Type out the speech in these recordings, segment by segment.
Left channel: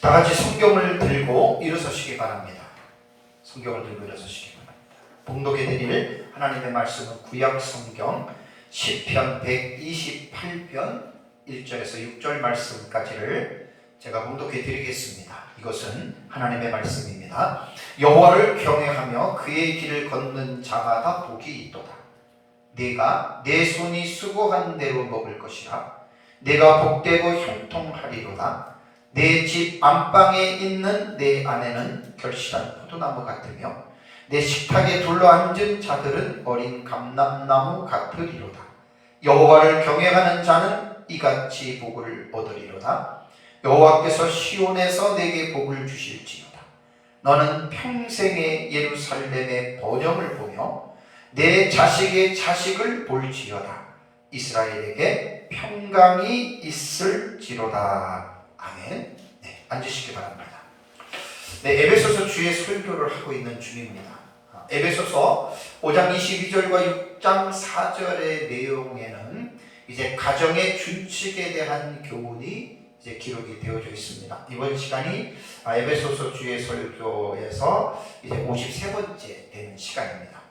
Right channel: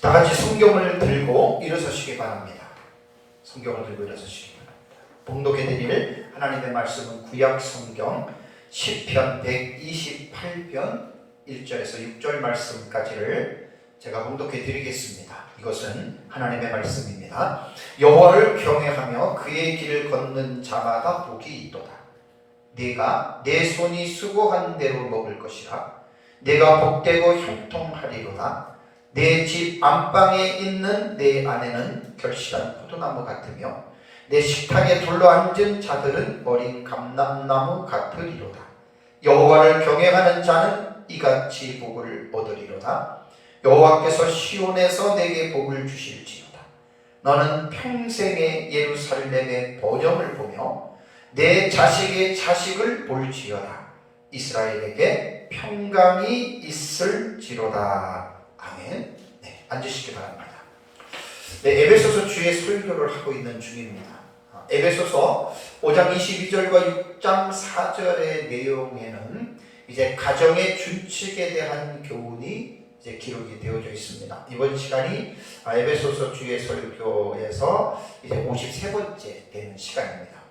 다 같이 성경을 들고 일어서시기 바랍니다. 성경을 들고 일어서시기 바랍니다. 봉독해 드릴 하나님의 말씀은 구약 성경 시편 128편 1절에서 6절 말씀까지를 제가 봉독해 드리겠습니다. 이것은 하나님의 말씀입니다. 여호와를 경외하며 그의 길을 걷는 자마다 복이 있도다. 네가 내 손이 수고한 대로 먹을 것이라. 내가 복되고 형통하리로다. 내 집 안방에 있는 내 아내는 결실한 포도나무 같으며 내 식탁에 둘러앉은 자들은 어린 감람나무 같으리로다. 여호와를 경외하는 자는 이같이 복을 얻으리로다. 여호와께서 시온에서 내게 복을 주실지어다. 너는 평생의 예루살렘의 번영을 보며 내 자식의 자식을 볼지어다. 이스라엘에게 평강이 있을지로다. 아멘. 네, 앉으시기 바랍니다. 네, 에베소서 주의 설교를 하고 있는 중입니다. 에베소서 5장 22절과 6장 4절의 내용에는 이제 가정의 준칙에 대한 교훈이 이제 기록이 되어져 있습니다. 이번 시간이 에베소서 주의 설교에서 이제 53번째 되는 시간입니다.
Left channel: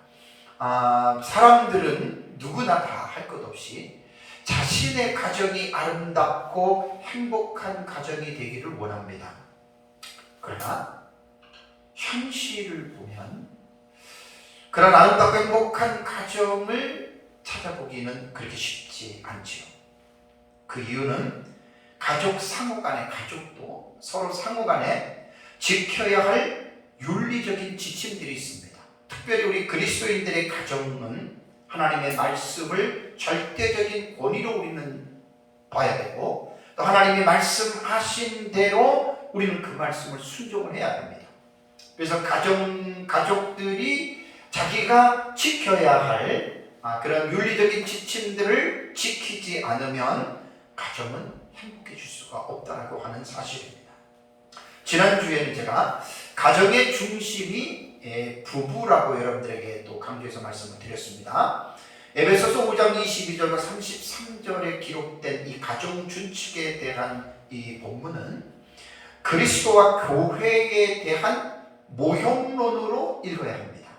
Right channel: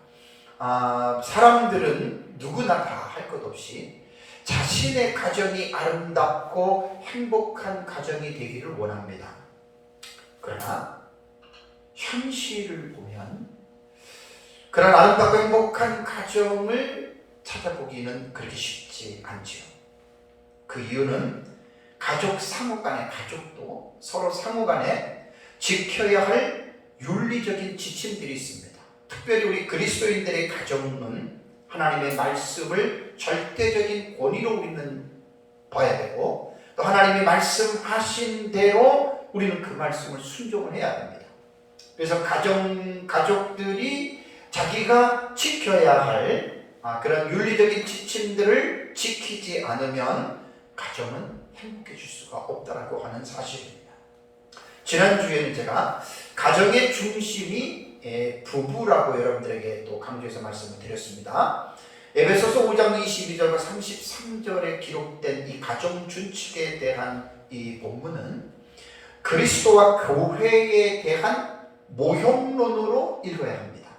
사람들은 누구나 다 할 것 없이 자신의 가정이 아름답고 행복한 가정이 되기를 원합니다. 그러나 현실을 보면 그런 아름답고 행복한 가정을 찾아보기는 그렇게 쉽지 않지요. 그 이유는 가족 상호 간의 가족도 서로 상호 간에 지켜야 할 윤리적인 지침들이 있습니다. 특별히 우리 그리스도인들의 가정은 하나님의 말씀을 절대적인 권위로 우리는 봐야 되고 또 하나님이 말씀하신 대로 우리는 그 말씀을 순종을 해야 됩니다. 그래서 가족들이 자기가 지켜야 할 그런 윤리적인 지침들을 지키지 않으면 가정은 행복해질 수가 없다라고 하는 사실입니다. 지난주에는 제가 가정의 중심이 부부라고 여러분들에게 또 강조해서 말씀을 드렸습니다. 에베소서 5장 22절과 33절에 기록된 이 가정 준칙에 대한 이 본문은 그리스도와 교회에 대한 모형론으로 읽어야 합니다.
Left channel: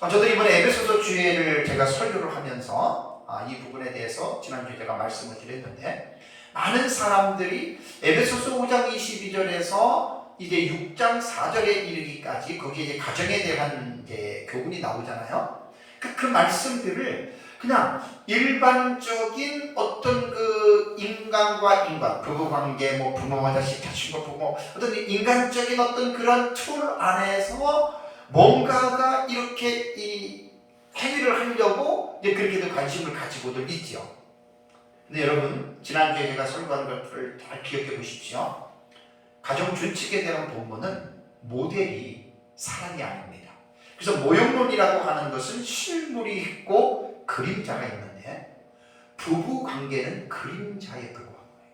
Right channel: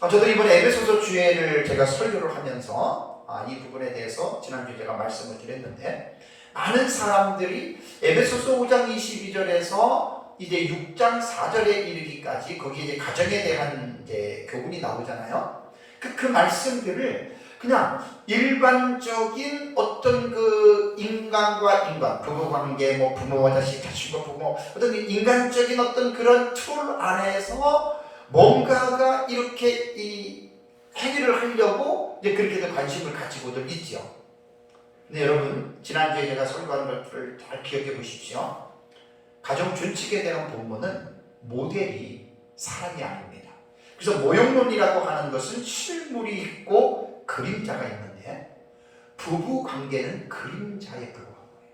저도 이번에 에베소서 주예를 제가 설교를 하면서 이 부분에 대해서 지난주에 제가 말씀을 드렸는데 많은 사람들이 에베소서 5장 22절에서 이제 6장 4절에 이르기까지 거기에 이제 가정에 대한 이제 교훈이 나오잖아요. 그 말씀들을 그냥 일반적인 어떤 그 인간과 인간, 부부관계, 뭐 부모와 자식, 자식과 부모, 어떤 인간적인 어떤 그런 틀 안에서 뭔가가 이렇게 이 해결을 하려고 이제 그렇게들 관심을 가지고들 있죠. 근데 여러분, 지난주에 제가 설교한 것들을 잘 기억해 보십시오. 가정 준칙에 대한 본문은 모델이 사람이 아닙니다. 그래서 모형론이라고 하는 것은 실물이 있고 그림자가 있는데 부부 관계는 그림자에 불과한 거예요.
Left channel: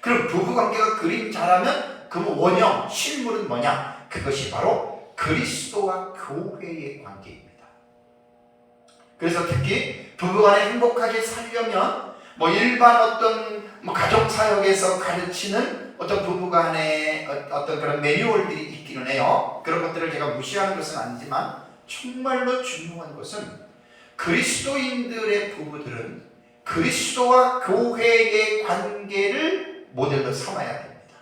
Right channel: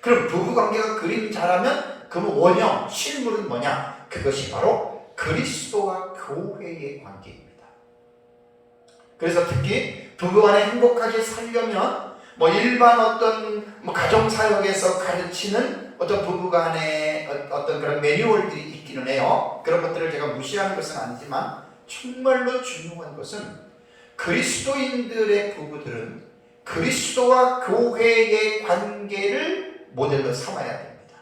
그럼 부부 관계가 그림자라면 그럼 원형, 실물은 뭐냐? 그것이 바로 그리스도와 교회의 관계입니다. 그래서 특히 부부간에 행복하게 살려면 뭐 일반 어떤 가정 사역에서 가르치는 어떤 부부간의 어떤 그런 매뉴얼들이 있기는 해요. 그런 것들을 제가 무시하는 것은 아니지만 정말로 중요한 것은 그리스도인들의 부부들은 그리스도와 교회의 관계를 모델로 삼아야 됩니다.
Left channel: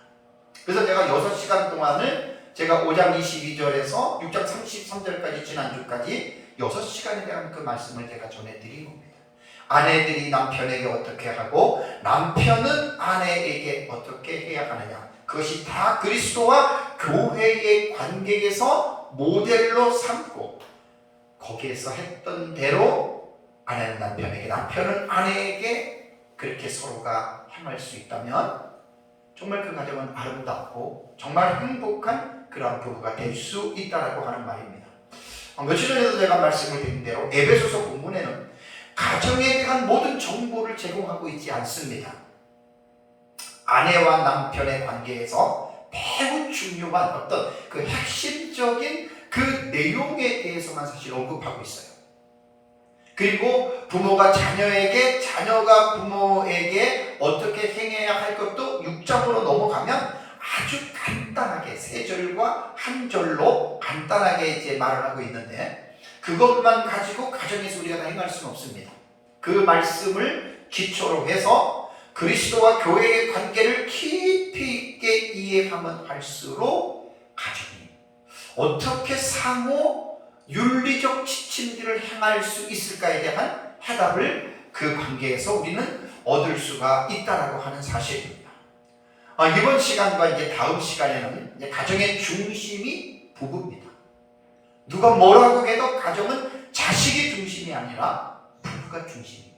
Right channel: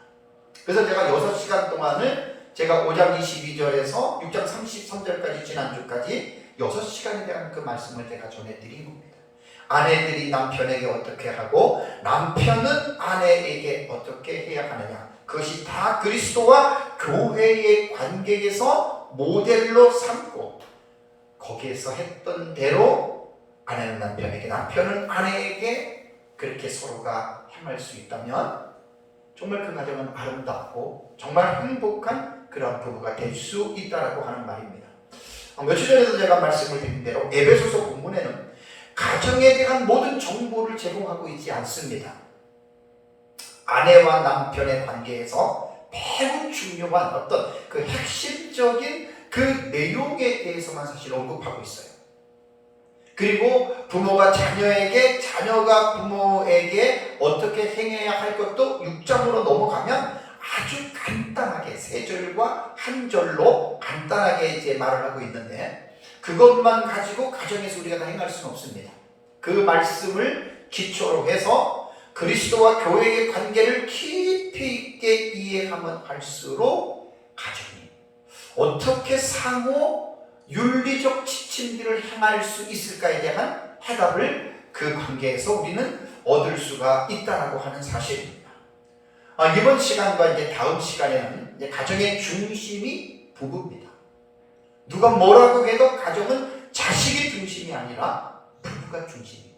그래서 제가 6시간 동안을 제가 5장 22절에서 6장 33절까지 지난주까지 6시간에 대한 그 말씀을 제가 전해드린 겁니다. 아내들이 남편에게 어떻게 하고 남편은 아내에게 어떻게 해야 하느냐, 그것이 다 그리스도와 교회의 관계에서 모델로 삼고 거기에서 했던 대로 아내는 남편에게, 남편은 아내에게 그렇게 서로가 행할 수 있다면 정말 그 가정은 아름답고 정말 행복한 그러한 부부가 될 수 있다라고 하는 말입니다. 며칠 전에도 제가 말씀을 드린 대로 에베소서 본문에는 가정에 대한 모든 정보를 제공하고 있지 않습니다. 아내와 남편의 관계에서 매우 중요한 어떤 그 핵심적인 그 내용에 대해서만 사실 언급하고 있어요. 그리고 부모가 자녀에게, 자녀가 부모에게 어떻게 행해야 할 것도 6장으로 넘어가면 구절과 한 절로 간단하게 이제 말을 하고 있는데, 그것만 가지고 가정에서 우리가 다 행할 수는 없습니다. 그 말씀을 기초로 해서 그리스도와 교회의 관계를 깊이 있게 이해하면 할수록 가정이 어떻게 상호 윤리적 지침들을 행할 수 있을까에 대한 해답을 그 관계에서 우리는 얻을 수가 있다라고 하는 사실입니다. 이번 시간과 이제 다음 시간에는 이제 가정의 중심이 부부입니다. 누가 뭐라고 해도 가정은 자식이 중심이 아니라 부부가 중심입니다.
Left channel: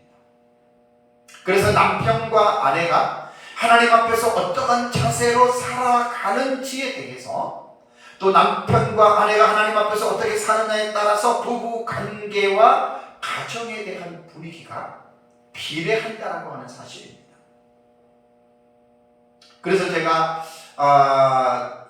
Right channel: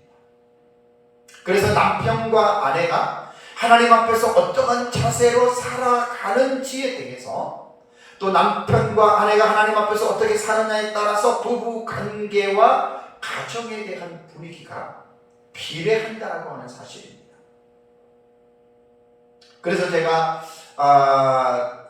그래서 남편과 아내가 하나님 앞에서 어떠한 자세로 살아가는지에 대해서, 또 남편과 아내가 하나님 앞에서 어떻게 사느냐에 따라서 부부 관계와 가정에 대한 분위기가 비례한다라고 하는 사실입니다. 그래서 제가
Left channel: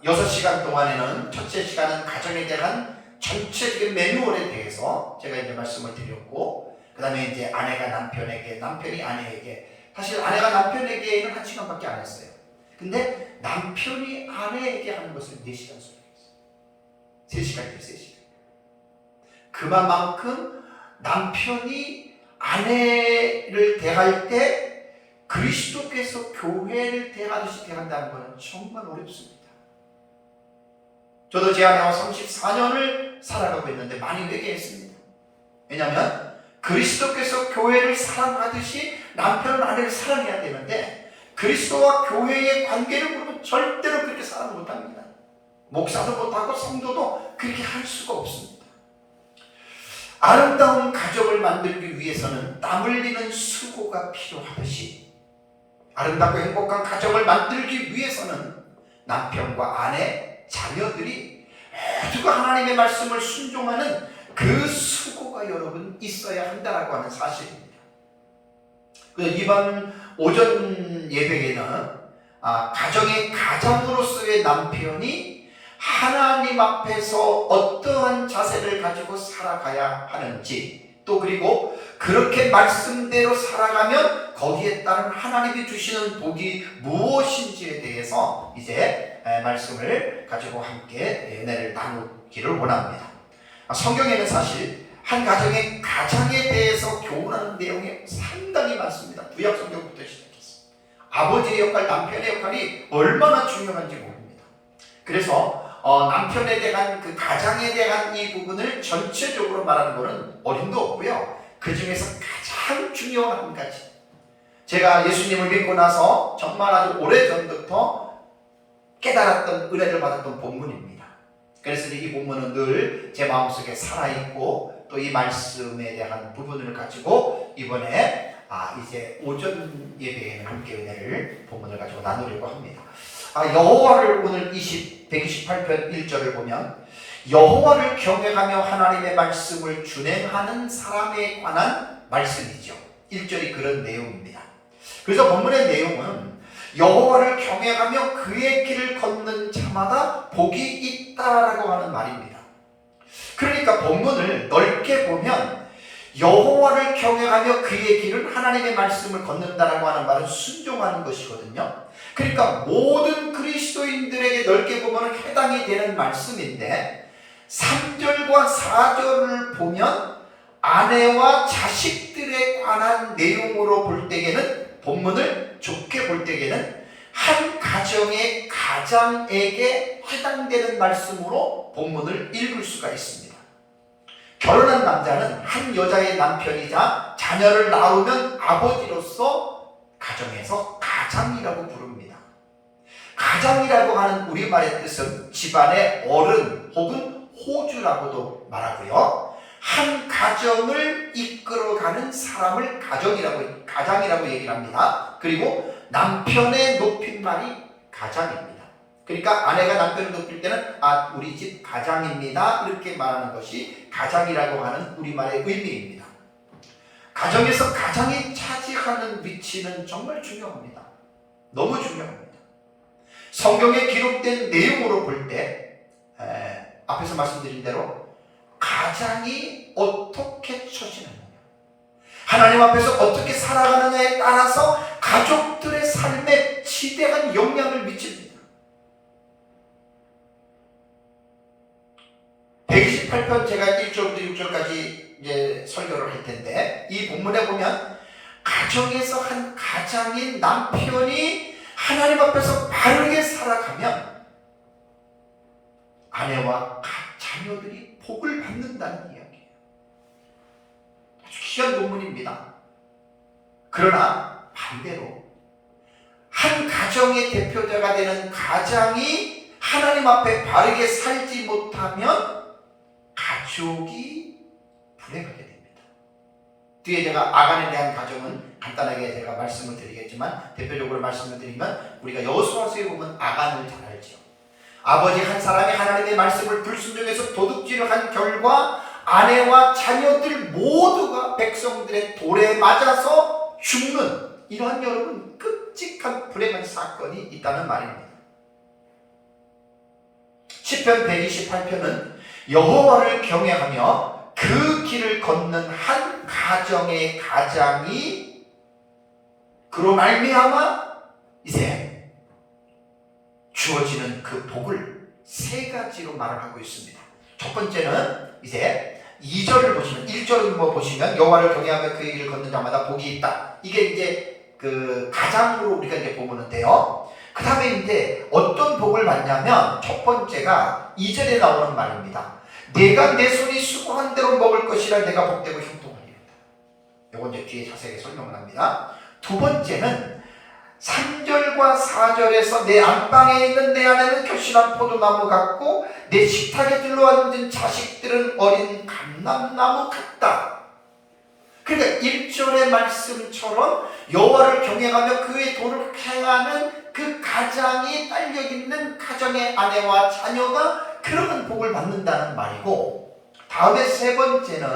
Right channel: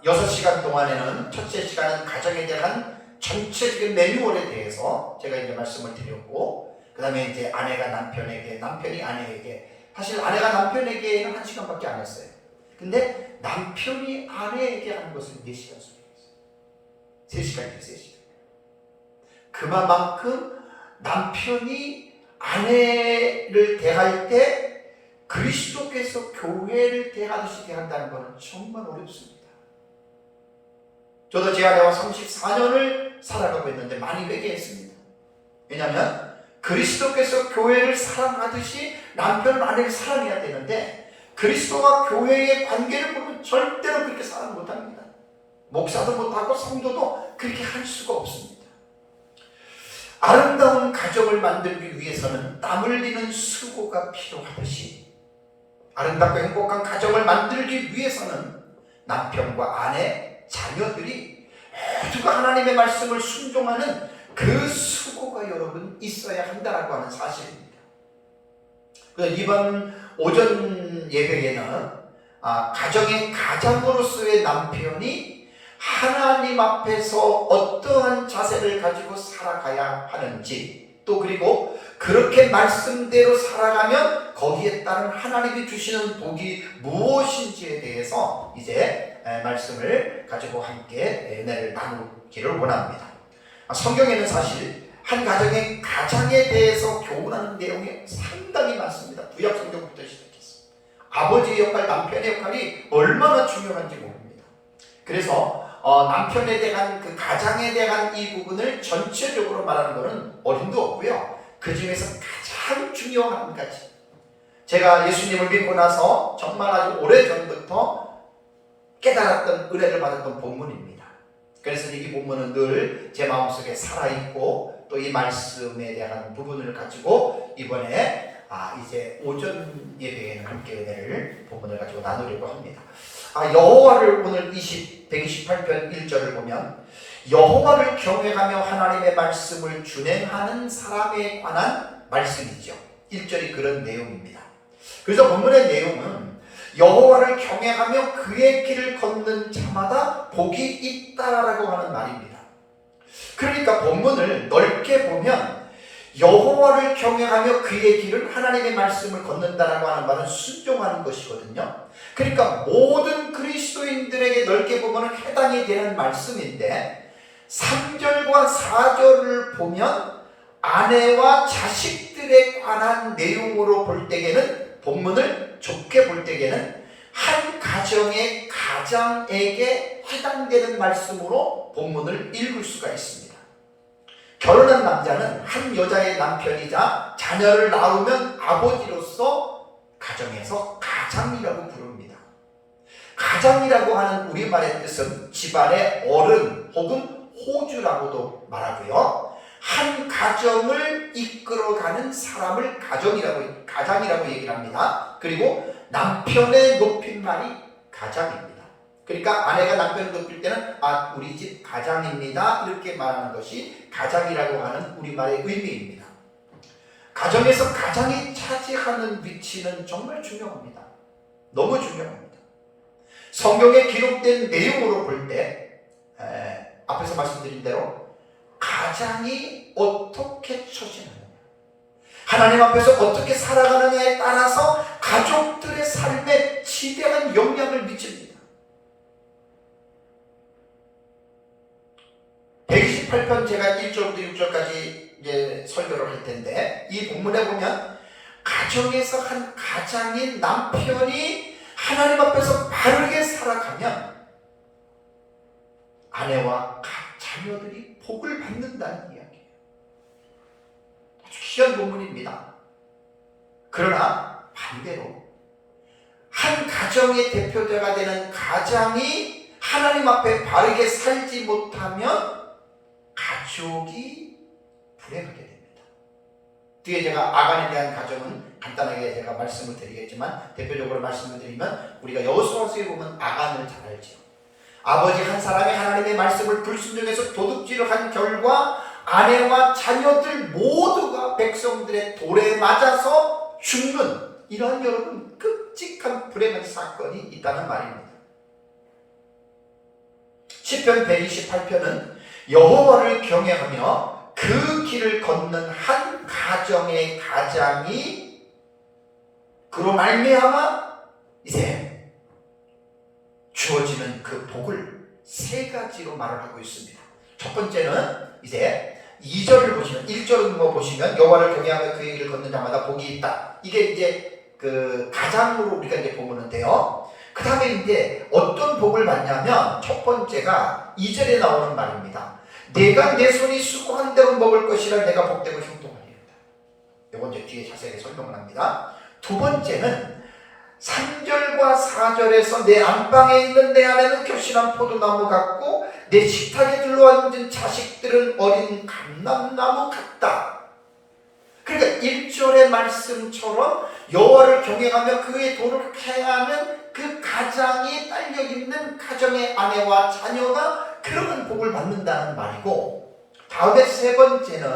6시간 동안에는 첫째 시간은 가정에 대한 전체적인 매뉴얼에 대해서 제가 이제 말씀을 드렸고, 그 다음에 이제 아내가 남편에게, 남편이 아내에게, 사실 아내가 남편에게는 1시간밖에 안 했어요. 근데 남편이 아내에게 하는 것을 4시간 소리했어요. 3시간이죠, 3시간. 그만큼 남편이 아내를 대할 때 그리스도께서 교회를 대하듯이 대한다는 것은 정말 어렵습니다. 저도 제 아내와 34년을 살아가고 있는데 많이 회개했습니다. 왜냐하면 그리스도께서 교회를 사랑하듯이 남편은 아내를 사랑해야 되는데, 그리스도와 교회의 관계를 보면 절대로 그렇게 사랑 못합니다. 목사도 못하고 성도도 그렇게 할 수가 없습니다. 아름다운 가정을 만들기 위해서는 땀 흘리는 수고가 필요하듯이, 아름답고 행복한 가정을 만들기 위해서는 남편과 아내, 자녀들이 모두가 하나님의 말씀을 순종하는 그 수고가 여러분 있어야 한다라고 하는 사실입니다. 그래서 이번 오전 예배에는 가정의 가장으로서의 남편이 하나님 앞에서 어떠한 자세를 가지고 살아가야 하는지, 또 그리고 그렇게 말씀대로 살아가면 거기에 따른 하나님이 주시는 복이 무엇인지에 대해서 이제 말씀을 가지고 함께 은혜를 나누기를 원합니다. 성경에는 사실 한 가정의 가장에 대해서 교훈하는 내용이 상당히 많습니다. 구약 성경부터 시작해서 아버지의 역할, 남편의 역할이 얼마나 중요한지 모릅니다. 그래서 남편에 대한 그 가장에 대한 이 부분을 전체적으로 말하는 것은 어림도 없고요. 그 중에서 가장 중요한 한 가지, 제가 예수님을 믿고 나서 정말 아주 오래전부터 깨달았던, 은혜를 받았던 본문입니다. 그래서 이 본문은 늘 제 마음속에 살아있고, 또 이 말씀에 대한 부분을 가지고 이번에 이제 오전 예배에는 함께 은혜를, 본문을 가지고 나누려고 합니다. 여호와를, 오늘 128편 1절을 보면 여호와를 경외하며 하나님의 말씀을 준행하는 사람에 관한 말씀이죠. 1절이 그런 내용입니다. 그래서 본문의 내용은 여호와를 경외하며 그의 길을 걷는 자마다 복이 있다라고 하는 말입니다. 그러니까 본문을 넓게 보면 여호와를 경외하며 그의 길을, 하나님의 말씀을 걷는다라고 하는 말은 순종하는 것이거든요. 그러니까 모든 그리스도인들에게 넓게 보면 해당이 되는 말씀인데, 3절과 4절을 보면 아내와 자식들에 관한 내용으로 볼 때에는, 본문을 좁게 볼 때에는 한 가정의 가장에게 해당되는 말씀으로 본문을 읽을 수가 있습니다. 결혼한 남자는 한 여자의 남편이자 자녀를 낳으면 아버지로서 가정에서 가장이라고 부릅니다. 가장이라고 하는 우리말의 뜻은 집안의 어른 혹은 호주라고도 말하고요. 한 가정을 이끌어가는 사람을 가장이라고 얘기를 합니다. 그리고 남편의 높임말이 가장입니다. 그러니까 아내가 남편을 높일 때는 우리 집 가장입니다, 이렇게 말하는 것이 가장이라고 하는 우리말의 의미입니다. 가정에서 가장이 차지하는 위치는 정말 중요합니다. 너무 중요합니다. 성경에 기록된 내용으로 볼 때 앞에서 말씀드린 대로 가장이 어떻게 처신하느냐, 하나님 앞에서 어떻게 살아가느냐에 따라서 가족들의 삶에 지대한 영향을 미칩니다. 128편 제가 1절부터 6절까지 이제 설교를 할 텐데, 이 본문에 보면 가정에서 한 가장인 남편이 하나님 앞에서 바르게 살아가면 아내와 자녀들이 복을 받는다는 이야기예요. 아주 귀한 본문입니다. 그러나 반대로 한 가정의 대표자가 되는 가장이 하나님 앞에 바르게 살지 못하면 가족이 불행하게 됩니다. 뒤에 제가 아간에 대한 가정은 간단하게 제가 말씀을 드리겠지만, 대표적으로 말씀을 드리면 우리가 여호수아서에 보면 아간을 잘 알죠. 아버지 한 사람이 하나님의 말씀을 불순종해서 도둑질을 한 결과 아내와 자녀들 모두가 백성들의 돌에 맞아서 죽는, 이런 여러분 끔찍한 불행한 사건이 있다는 말입니다. 시편 128편은 여호와를 경외하며 그 길을 걷는 한 가정의 가장이 그로 말미암아 이제 주어지는 그 복을 세 가지로 말을 하고 있습니다. 첫 번째는 이제 2절을 보시면, 1절은 보시면 여호와를 경외하며 그의 길을 걷는 자마다 복이 있다. 이게 이제 그 가장으로 우리가 이제 보는데요. 그 다음에 이제 어떤 복을 받냐면, 첫 번째가 2절에 나오는 말입니다. 내가 내 손이 수고한 대로 먹을 것이라 내가 복되고 형통하리로다. 이건 이제 뒤에 자세하게 설명을 합니다. 두 번째는 3절과 4절에서 내 안방에 있는 내 아내는 결실한 포도나무 같고 내 식탁에 들러앉은 자식들은 어린 감람나무 같다. 그러니까 1절의 말씀처럼 여호와를 경외하며 그의 도를 행하는 그 가장이 딸려있는 가정의 아내와 자녀가 그런 복을 받는다는 말이고, 다음에 세 번째는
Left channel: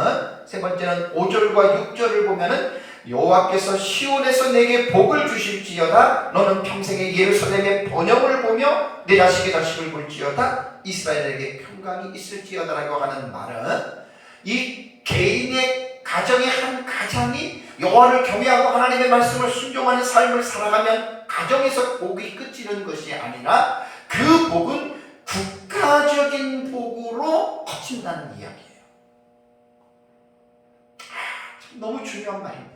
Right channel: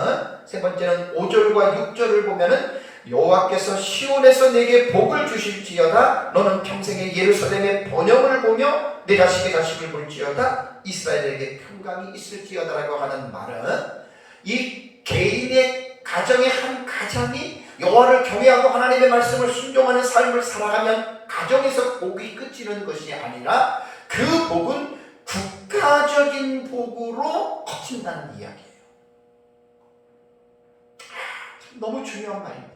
5절과 6절을 보면은 여호와께서 시온에서 내게 복을 주실지어다. 너는 평생에 예루살렘의 번영을 보며 내 자식의 자식을 볼지어다. 이스라엘에게 평강이 있을지어다라고 하는 말은, 이 개인의 가정의 한 가장이 여호와를 경외하고 하나님의 말씀을 순종하는 삶을 살아가면 가정에서 복이 끝이는 것이 아니라 그 복은 국가적인 복으로 커진다는 이야기예요. 참 너무 중요한 말입니다.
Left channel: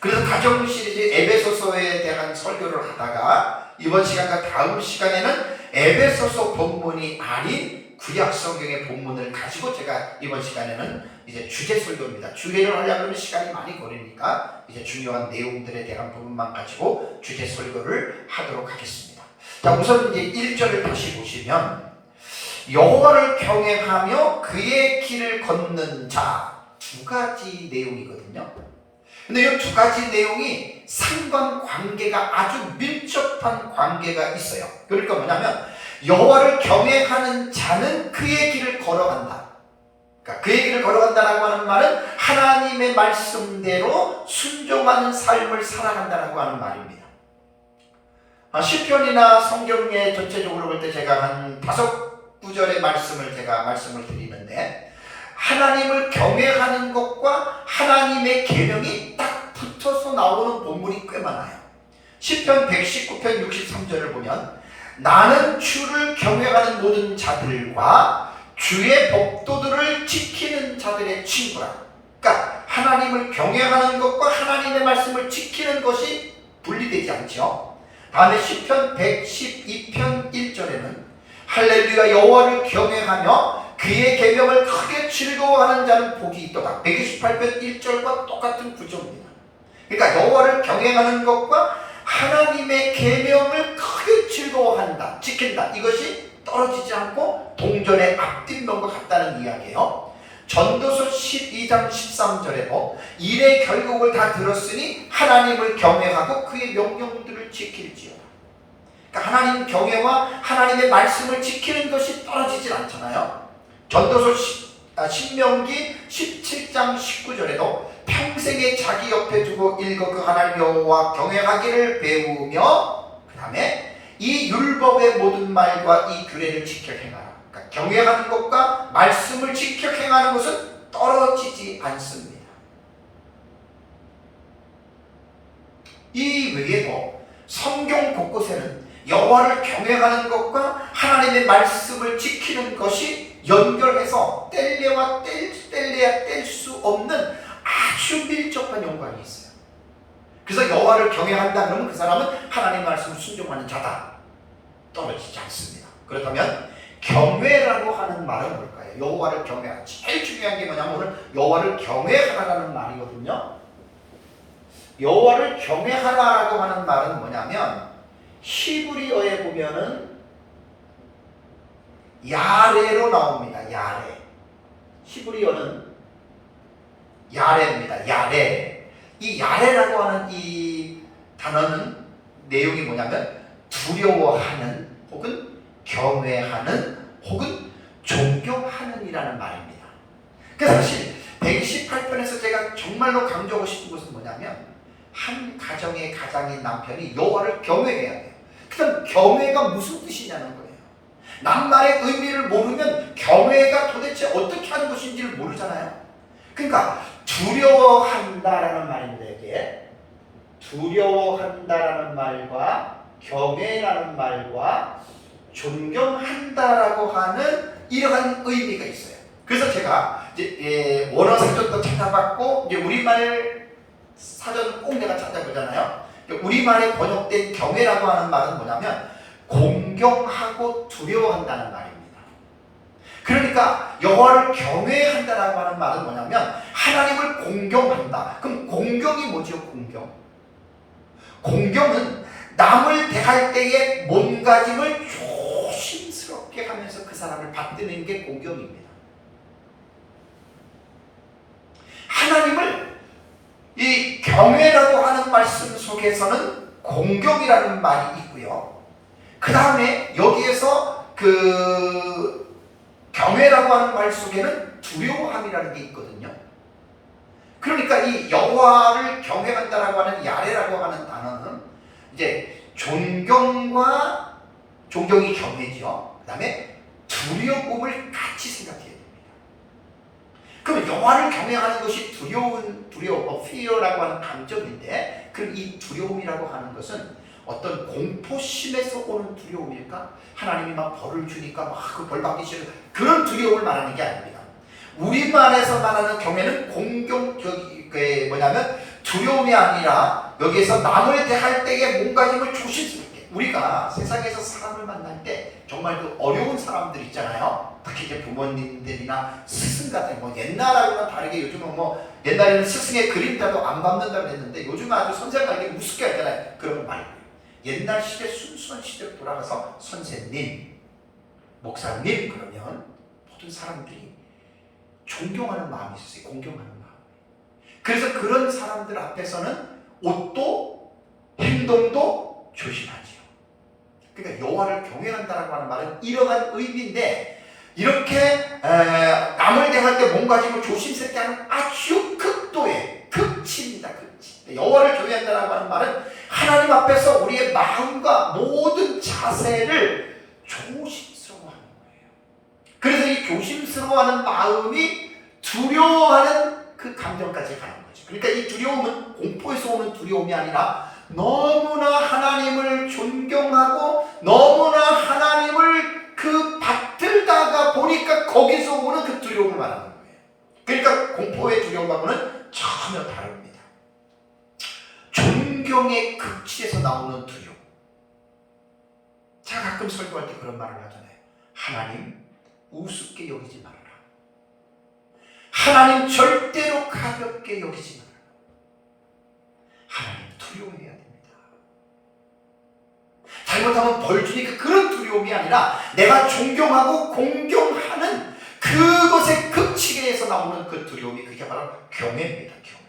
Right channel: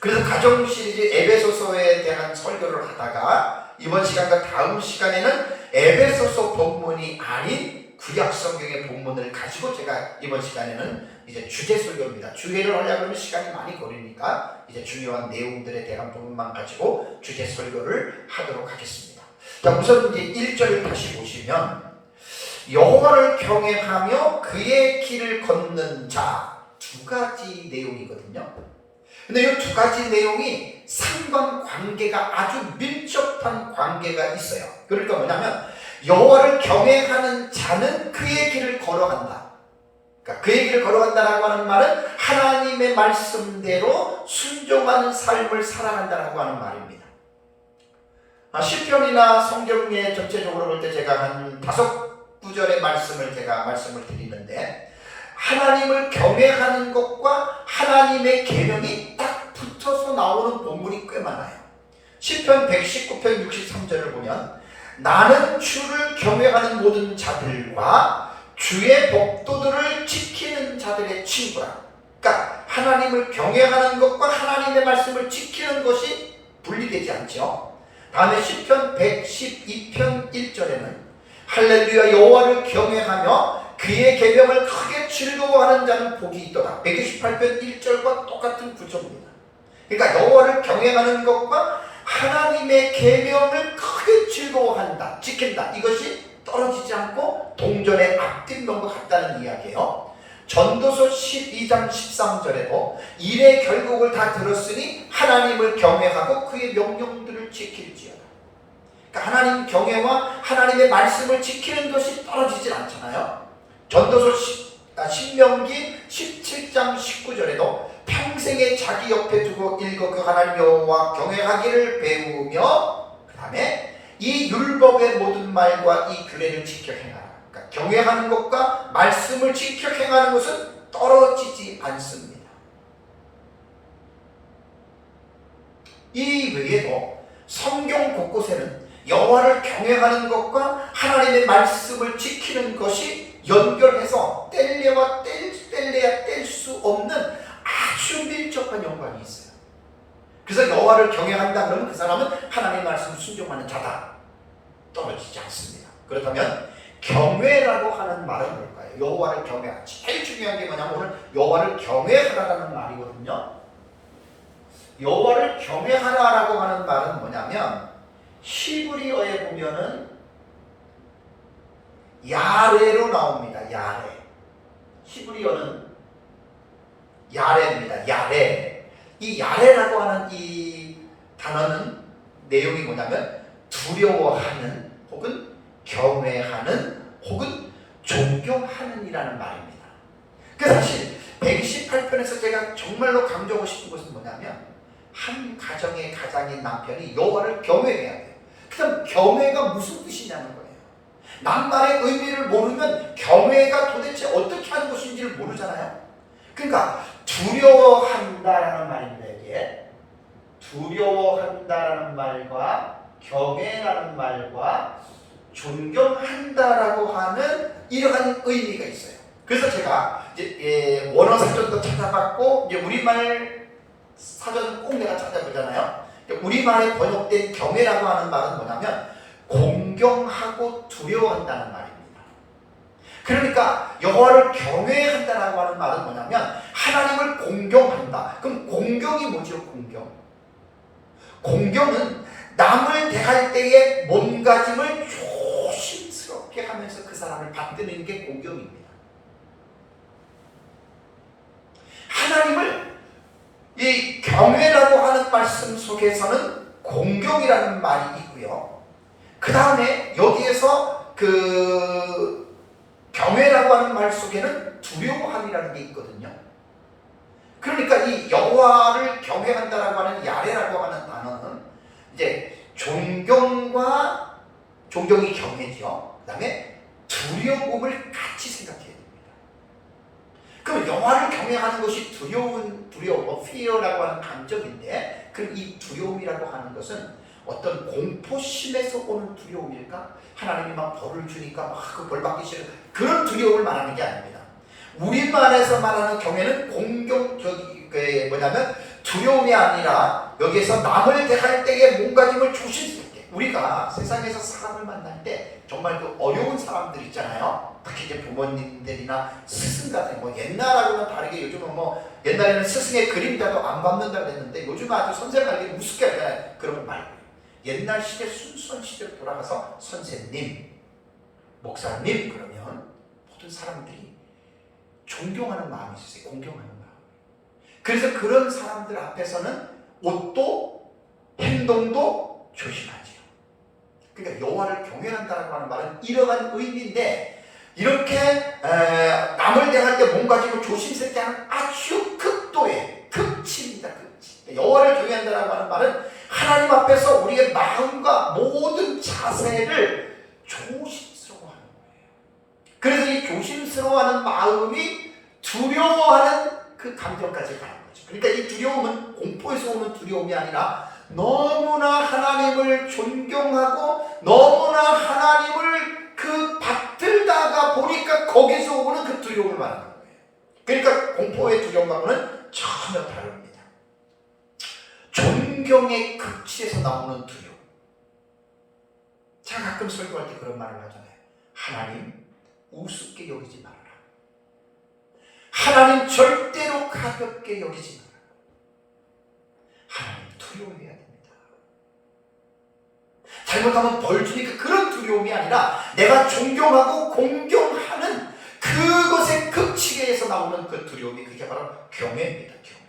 그래서 가정 시리즈 에베소서에 대한 설교를 하다가 이번 시간과 다음 시간에는 에베소서 본문이 아닌 구약 성경의 본문을 가지고 제가 이번 시간에는 이제 주제 설교입니다. 주제를 하려면 시간이 많이 걸리니까 이제 중요한 내용들에 대한 부분만 가지고 주제 설교를 하도록 하겠습니다. 자, 우선 이제 1절을 다시 보시면 여호와를 경외하며 그의 길을 걷는 자, 두 가지 내용이거든요. 근데 이 두 가지 내용이 상관관계가 아주 밀접한 관계가 있어요. 그러니까 뭐냐면 여호와를 경외하는 자는 그의 길을 걸어간다. 그러니까 그의 길을 걸어간다라고 하는 말은 하나님의 말씀대로 순종하는 삶을 살아간다라고 하는 말입니다. 시편이나 성경에 전체적으로 볼 때 제가 한 5구절의 말씀을 드리는데, 하나님을 경외하는 것과 하나님의 계명이 딱 붙어서 나오는 본문이 꽤 많아요. 시편 119편 63절을 보면 나는 주를 경외하는 모든 자들과 주의 법도들을 지키는 자들의 친구라. 그러니까 하나님을 경외하는 것과 하나님의 말씀을 지키는 것이 분리되지 않죠. 다음에 시편 112편 1절에는 할렐루야 여호와를 경외하며 그의 계명을 크게 즐거워하는 자는 복이 있도다. 128편 1절과 똑같은 구조입니다. 그러니까 여호와를 경외하는 것과 하나님의 계명을 크게 즐거워한다, 지킨다, 이것이 떨어지지 않고 동전의 앞뒤인 것 같다는 이야기예요. 전도서 12장 13절에도 일의 결국을 다 들었으니 하나님을 경외하고 그의 명령들을 지킬지어다. 그러니까 하나님 경외와 하나님의 말씀을 지키는 것이 떨어지질 않잖아요. 전도서 신명기 17장 19절에도 평생에 자기 옆에 두고 읽어 그 하나님 여호와 경외하기를 배우며, 그 다음에 이 율법의 모든 말과 이 규례를 지켜 행하라. 그러니까 경외하는 것과 말씀을 지켜 행하는 것은 떨어지지 않습니다. 이 외에도 성경 곳곳에는 여호와를 경외하는 것과 하나님의 말씀을 지키는 것이 연결해서 뗄래야 뗄 수 없는 아주 밀접한 연관이 있어요. 그래서 여호와를 경외한다 그러면 그 사람은 하나님 말씀을 순종하는 자다. 떨어지지 않습니다. 그렇다면 경외라고 하는 말은 뭘까요? 여호와를 경외하라. 제일 중요한 게 뭐냐면 오늘 여호와를 경외하라라는 말이거든요. 여호와를 경외하라라고 하는 말은 뭐냐면 히브리어에 보면은 야레로 나옵니다. 야레. 히브리어는 야레입니다. 야레. 이 야레라고 하는 이 단어는 내용이 뭐냐면 두려워하는 혹은 경외하는 혹은 존경하는 이라는 말입니다. 그래서 사실 128편에서 제가 정말로 강조하고 싶은 것은 뭐냐면 한 가정의 가장인 남편이 여호와를 경외해야 돼요. 그럼 경외가 무슨 뜻이냐는 거예요. 낱말의 의미를 모르면 경외가 도대체 어떻게 하는 것인지를 모르잖아요. 그러니까 두려워한다라는 말입니다. 이게 두려워한다라는 말과 경외라는 말과 존경한다라고 하는 이러한 의미가 있어요. 그래서 제가 이제 원어 사전도 찾아봤고 이제 우리말 사전 꼭 내가 찾아보잖아요. 우리말에 번역된 경외라고 하는 말은 뭐냐면 공경하고 두려워한다는 말입니다. 그러니까 여호와를 경외한다라고 하는 말은 뭐냐면 하나님을 공경한다. 그럼 공경이 뭐죠? 공경은 남을 대할 때의 몸가짐을 조심스럽게 하면서 그 사람을 받드는 게 공경입니다. 하나님을 이 경외라고 하는 말씀 속에서는 공경이라는 말이 있고요. 그 다음에 여기에서 그 경외라고 하는 말 속에는 두려워함이라는 게 있거든요. 그러니까 이 여호와를 경외한다라고 하는 야레라고 하는 단어는 이제 존경이 경외죠. 그 다음에 두려움을 같이 생각해야 됩니다. 그럼 여호와를 경외하는 것이 두려움, fear라고 하는 감정인데, 그럼 이 두려움이라고 하는 것은 어떤 공포심에서 오는 두려움일까? 하나님이 막 벌을 주니까 막 그 벌 받기 싫은 그런 두려움을 말하는 게 아닙니다. 우리말에서 말하는 경외는 뭐냐면 두려움이 아니라 여기에서 남을 대할 때의 몸가짐을 조심스럽게, 우리가 세상에서 사람을 만날 때 정말 그 어려운 사람들 있잖아요. 특히 이제 부모님들이나 스승 같은 뭐 옛날하고는 다르게 요즘은 뭐 옛날에는 스승의 그림자도 안 밟는다고 했는데 요즘은 아주 선생님에게 우습게 하잖아요. 그런 말. 옛날 시대 순수한 시대로 돌아가서 선생님, 목사님 그러면 모든 사람들이 존경하는 마음이 있었어요. 공경하는 마음. 그래서 그런 사람들 앞에서는 옷도 행동도 조심하죠. 그러니까 여호와를 경외한다라고 하는 말은 이러한 의미인데, 이렇게 남을 대할 때 몸가짐을 조심스럽게 하는 아주 극도의 극치입니다. 극치. 여호와를 경외한다라고 하는 말은 하나님 앞에서 우리의 마음과 모든 자세를 조심스러워하는 거예요. 그래서 이 조심스러워하는 마음이 두려워하는 그 감정까지 가는 거죠. 그러니까 이 두려움은 공포에서 오는 두려움이 아니라 너무나 하나님을 존경하고 너무나 하나님을 그 받들다가 보니까 거기서 오는 그 두려움을 말하는 거예요. 그러니까 공포의 두려움과는 전혀 다릅니다. 존경의 극치에서 나오는 두려움. 제가 가끔 설교할 때 그런 말을 하잖아요. 하나님 우습게 여기지 말아라. 하나님 절대로 가볍게 여기지 말아라. 하나님 두려워해야 됩니다. 잘못하면 벌 주니까 그런 두려움이 아니라 내가 존경하고 공경하는 그것의 극치에서 나오는 그 두려움이, 그게 바로 경외입니다. 경외.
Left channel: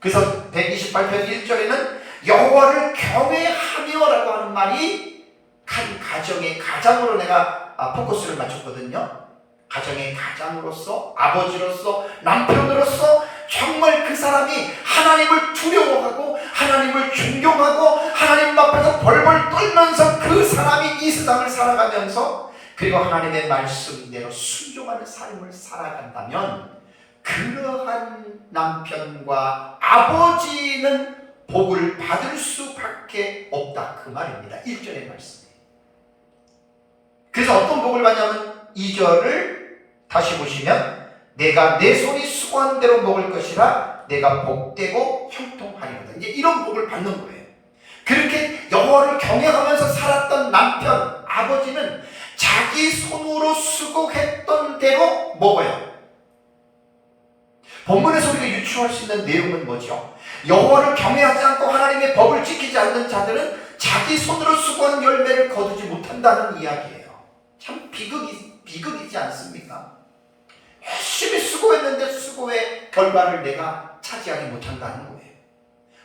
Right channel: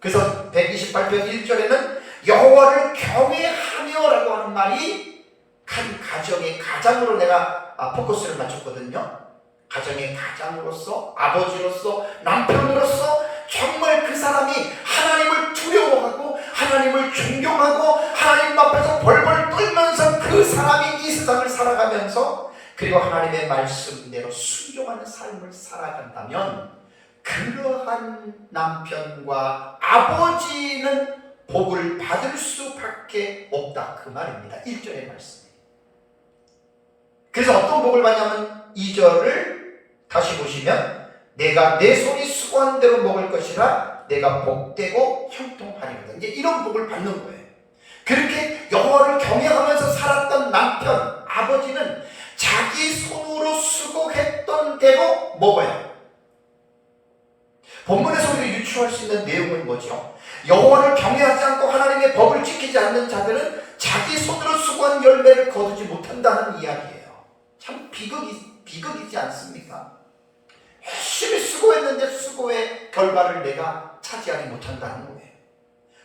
그래서 128편 1절에는 여호와를 경외하며라고 하는 말이 한 가정의 가장으로 내가 포커스를 맞췄거든요. 가정의 가장으로서, 아버지로서, 남편으로서 정말 그 사람이 하나님을 두려워하고 하나님을 존경하고 하나님 앞에서 벌벌 떨면서 그 사람이 이 세상을 살아가면서 그리고 하나님의 말씀대로 순종하는 삶을 살아간다면 그러한 남편과 아버지는 복을 받을 수밖에 없다, 그 말입니다. 1절의 말씀이. 그래서 어떤 복을 받냐면 2절을 다시 보시면 내가 내 손이 수고한 대로 먹을 것이라 내가 복되고 형통하리거든. 이제 이런 복을 받는 거예요. 그렇게 여호와를 경외하면서 살았던 남편, 아버지는 자기 손으로 수고했던 대로 먹어요. 본문에서 우리가 유추할 수 있는 내용은 뭐죠? 여호와를 경외하지 않고 하나님의 법을 지키지 않는 자들은 자기 손으로 수고한 열매를 거두지 못한다는 이야기예요. 참 비극이지 않습니까? 열심히 수고했는데 수고의 결과를 내가 차지하지 못한다는 거예요.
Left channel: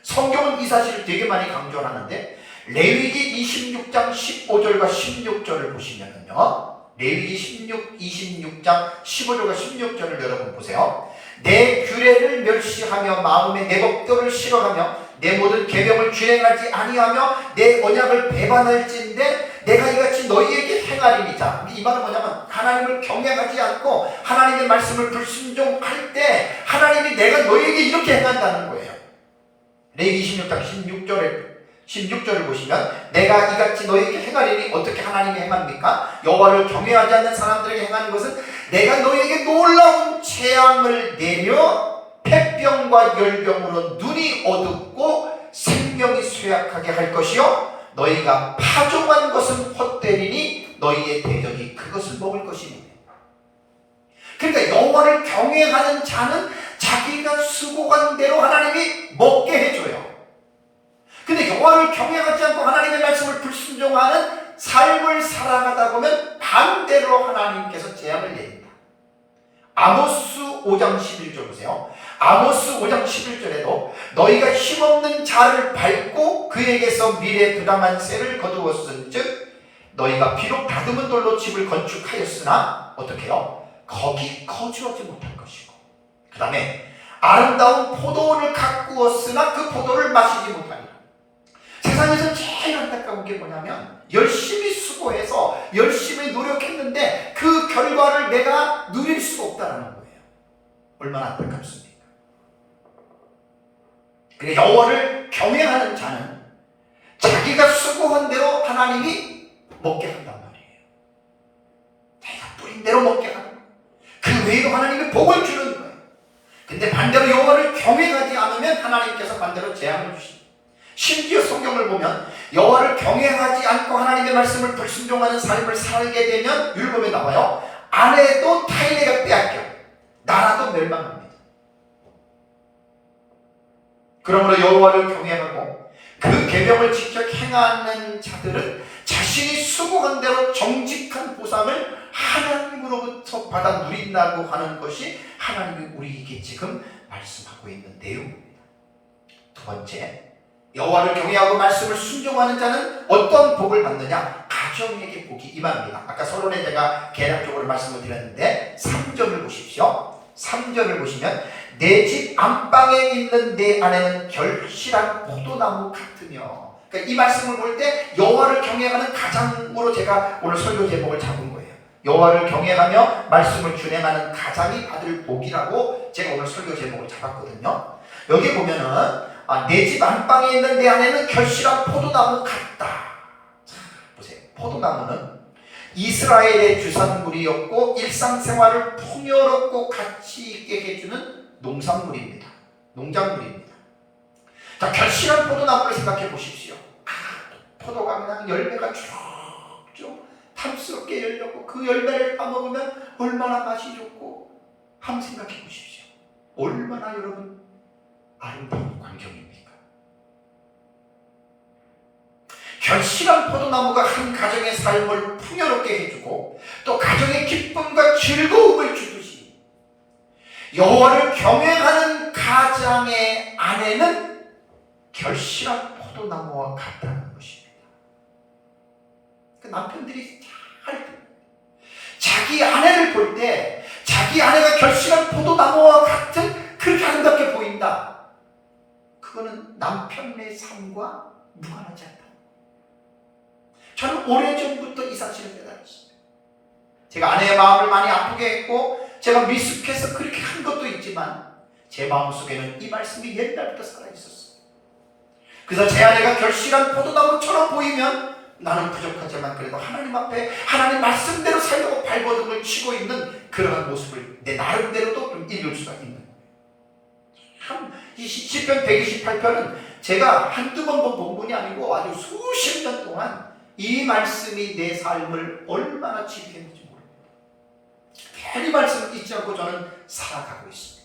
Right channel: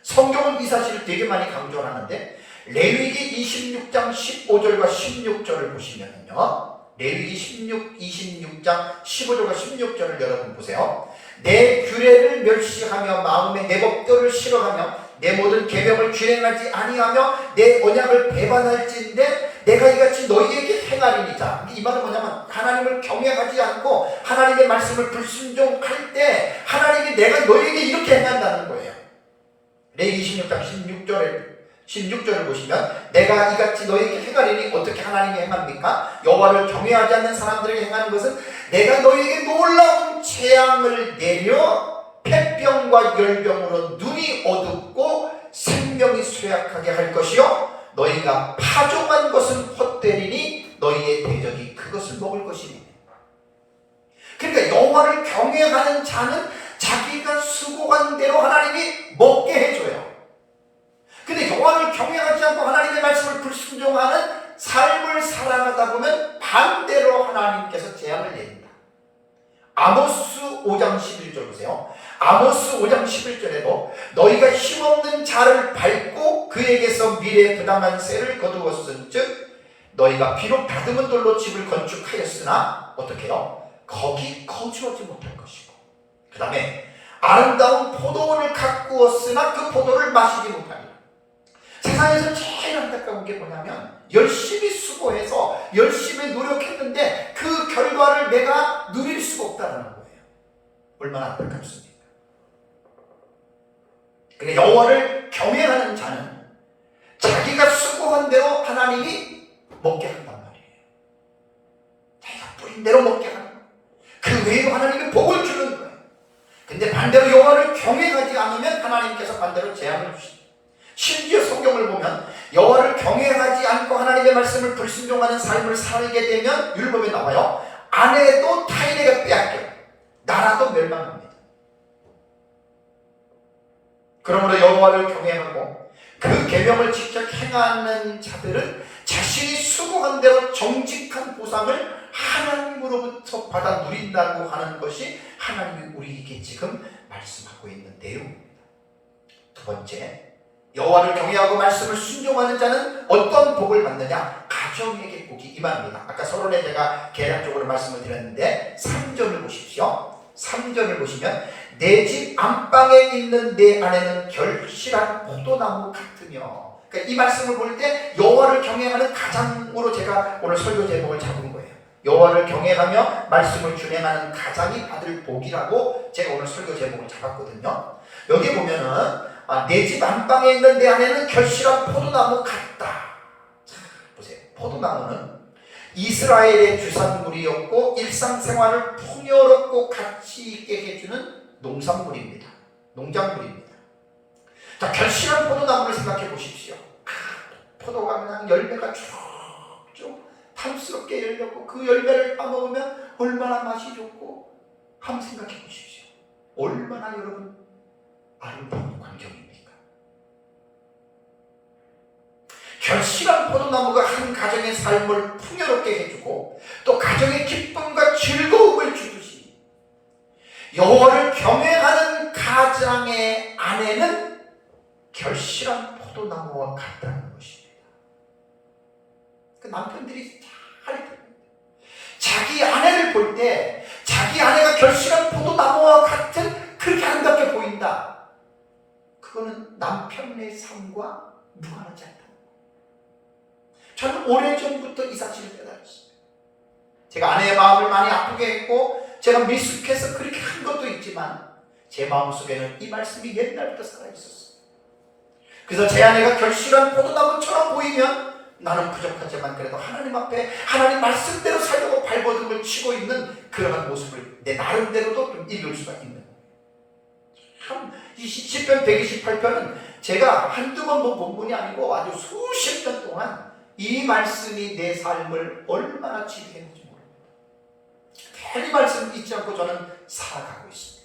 성경은 이 사실을 되게 많이 강조하는데 레위기 26장 15절과 16절을 보시면요, 레위기 26장 15절과 16절을 여러분 보세요. 내 규례를 멸시하며 마음에 내 법도를 싫어하며 내 모든 계명을 주행하지 아니하며 내 언약을 배반할진대 내가 이같이 너희에게 행하리니라. 이 말은 뭐냐면 하나님을 경외하지 않고 하나님의 말씀을 불순종할 때 하나님이 내가 너희에게 이렇게 행한다는 거예요. 레위기 26장 16절을 보시면 내가 이같이 너희에게 행하리니 어떻게 하나님이 행합니까? 여호와를 경외하지 않는 사람들에게 행하는 것은 내가 너희에게 놀라운 재앙을 내려 폐병과 열병으로 눈이 어둡고 생명이 쇠약하게 할 것이요 너희가 파종한 것은 헛되리니 너희의 대적이 그것을 먹을 것이니. 그러니까 여호와를 경외하는 자는 자기가 수고한 대로 하나님이 먹게 해줘요. 근데 여호와를 경외하지 않고 하나님의 말씀을 불순종하는 삶을 살아가다 보면 반대로 하나님께서 재앙을 내립니다. 아모스 5장 11절 보세요. 아모스 5장 11절에도 너희가 힘없는 자를 밟고 그에게서 미래 부당한 쇠를 거두었은즉 너희가 비록 다듬은 돌로 집을 건축하였으나 어떻게 해요? 거기 거주하지 못할 것이고, 그 다음에 아름다운 포도원을 가꾸었으나 그 포도를 마시지 못하리라. 세상에서 제일 안타까운 게 뭐냐면 열심히 수고해서 열심히 노력했는데 그 결과를 내가 누릴 수가 없다는 거예요. 얼마나 안타깝습니까? 그러니까 여호와를 경외하는 자는 자기가 수고한 대로 하나님이 먹게 한단 말이에요. 자기가 뿌린 대로 먹게 하는 거예요. 그 외에도 하나님이 복을 주는 거예요. 근데 반대로 여호와를 경외하지 않으면 하나님께서 반대로 재앙을 주십니다. 심지어 성경을 보면 여호와를 경외하지 않고 하나님의 말씀을 불순종하는 삶을 살게 되면 율법에 나와요. 아내도 타인에게 빼앗겨 나라도 멸망합니다. 그러므로 여호와를 경외하고 그 계명을 직접 행하는 자들은 자신이 수고한 대로 정직한 보상을 하나님으로부터 받아 누린다고 하는 것이 하나님이 우리에게 지금 말씀하고 있는 내용입니다. 두 번째, 여호와를 경외하고 말씀을 순종하는 자는 어떤 복을 받느냐? 가정에게 복이 임합니다. 아까 서론에 제가 개략적으로 말씀을 드렸는데 3절을 보십시오. 3절을 보시면 내 집 안방에 있는 내 아내는 결실한 포도나무 같으며, 그러니까 이 말씀을 볼 때 여호와를 경외하는 가장으로 제가 오늘 설교 제목을 잡은 거예요. 여호와를 경외하며 말씀을 준행하는 가장이 받을 복이라고 제가 오늘 설교 제목을 잡았거든요. 여기 보면은 내 집 안방에 있는 내 아내는 결실한 포도나무 같다. 보세요. 포도나무는 이스라엘의 주산물이었고 일상생활을 풍요롭고 가치 있게 해주는 농산물입니다. 농작물입니다. 자, 결실한 포도나무를 생각해 보십시오. 포도가 그냥 열매가 쭉쭉 탐스럽게 열렸고 그 열매를 따먹으면 얼마나 맛이 좋고 한번 생각해 보십시오. 얼마나 여러분 아름다운 광경입니까? 결실한 포도나무가 한 가정의 삶을 풍요롭게 해주고 또 가정의 기쁨과 즐거움을 주듯이 여호와를 경외하는 가장의 아내는 결실한 포도나무와 같다는 것입니다. 그 남편들이 잘 자기 아내를 볼 때 자기 아내가 결실한 포도나무와 같은 그렇게 아름답게 보인다. 그거는 남편의 삶과 무관하지 않다. 저는 오래전부터 이 사실을 깨달았습니다. 제가 아내의 마음을 많이 아프게 했고 제가 미숙해서 그렇게 한 것도 있지만 제 마음속에는 이 말씀이 옛날부터 살아있었어요. 그래서 제 아내가 결실한 포도나무처럼 보이면 나는 부족하지만 그래도 하나님 앞에 하나님 말씀대로 살려고 발버둥을 치고 있는 그러한 모습을 내 나름대로도 좀 읽을 수가 있는 거예요. 참, 이 시편 128편은 제가 한두 번 본 본문이 아니고 아주 수십 년 동안 이 말씀이 내 삶을 얼마나 지배했는지 모릅니다. 이 말씀을 잊지 않고 저는 살아가고 있습니다.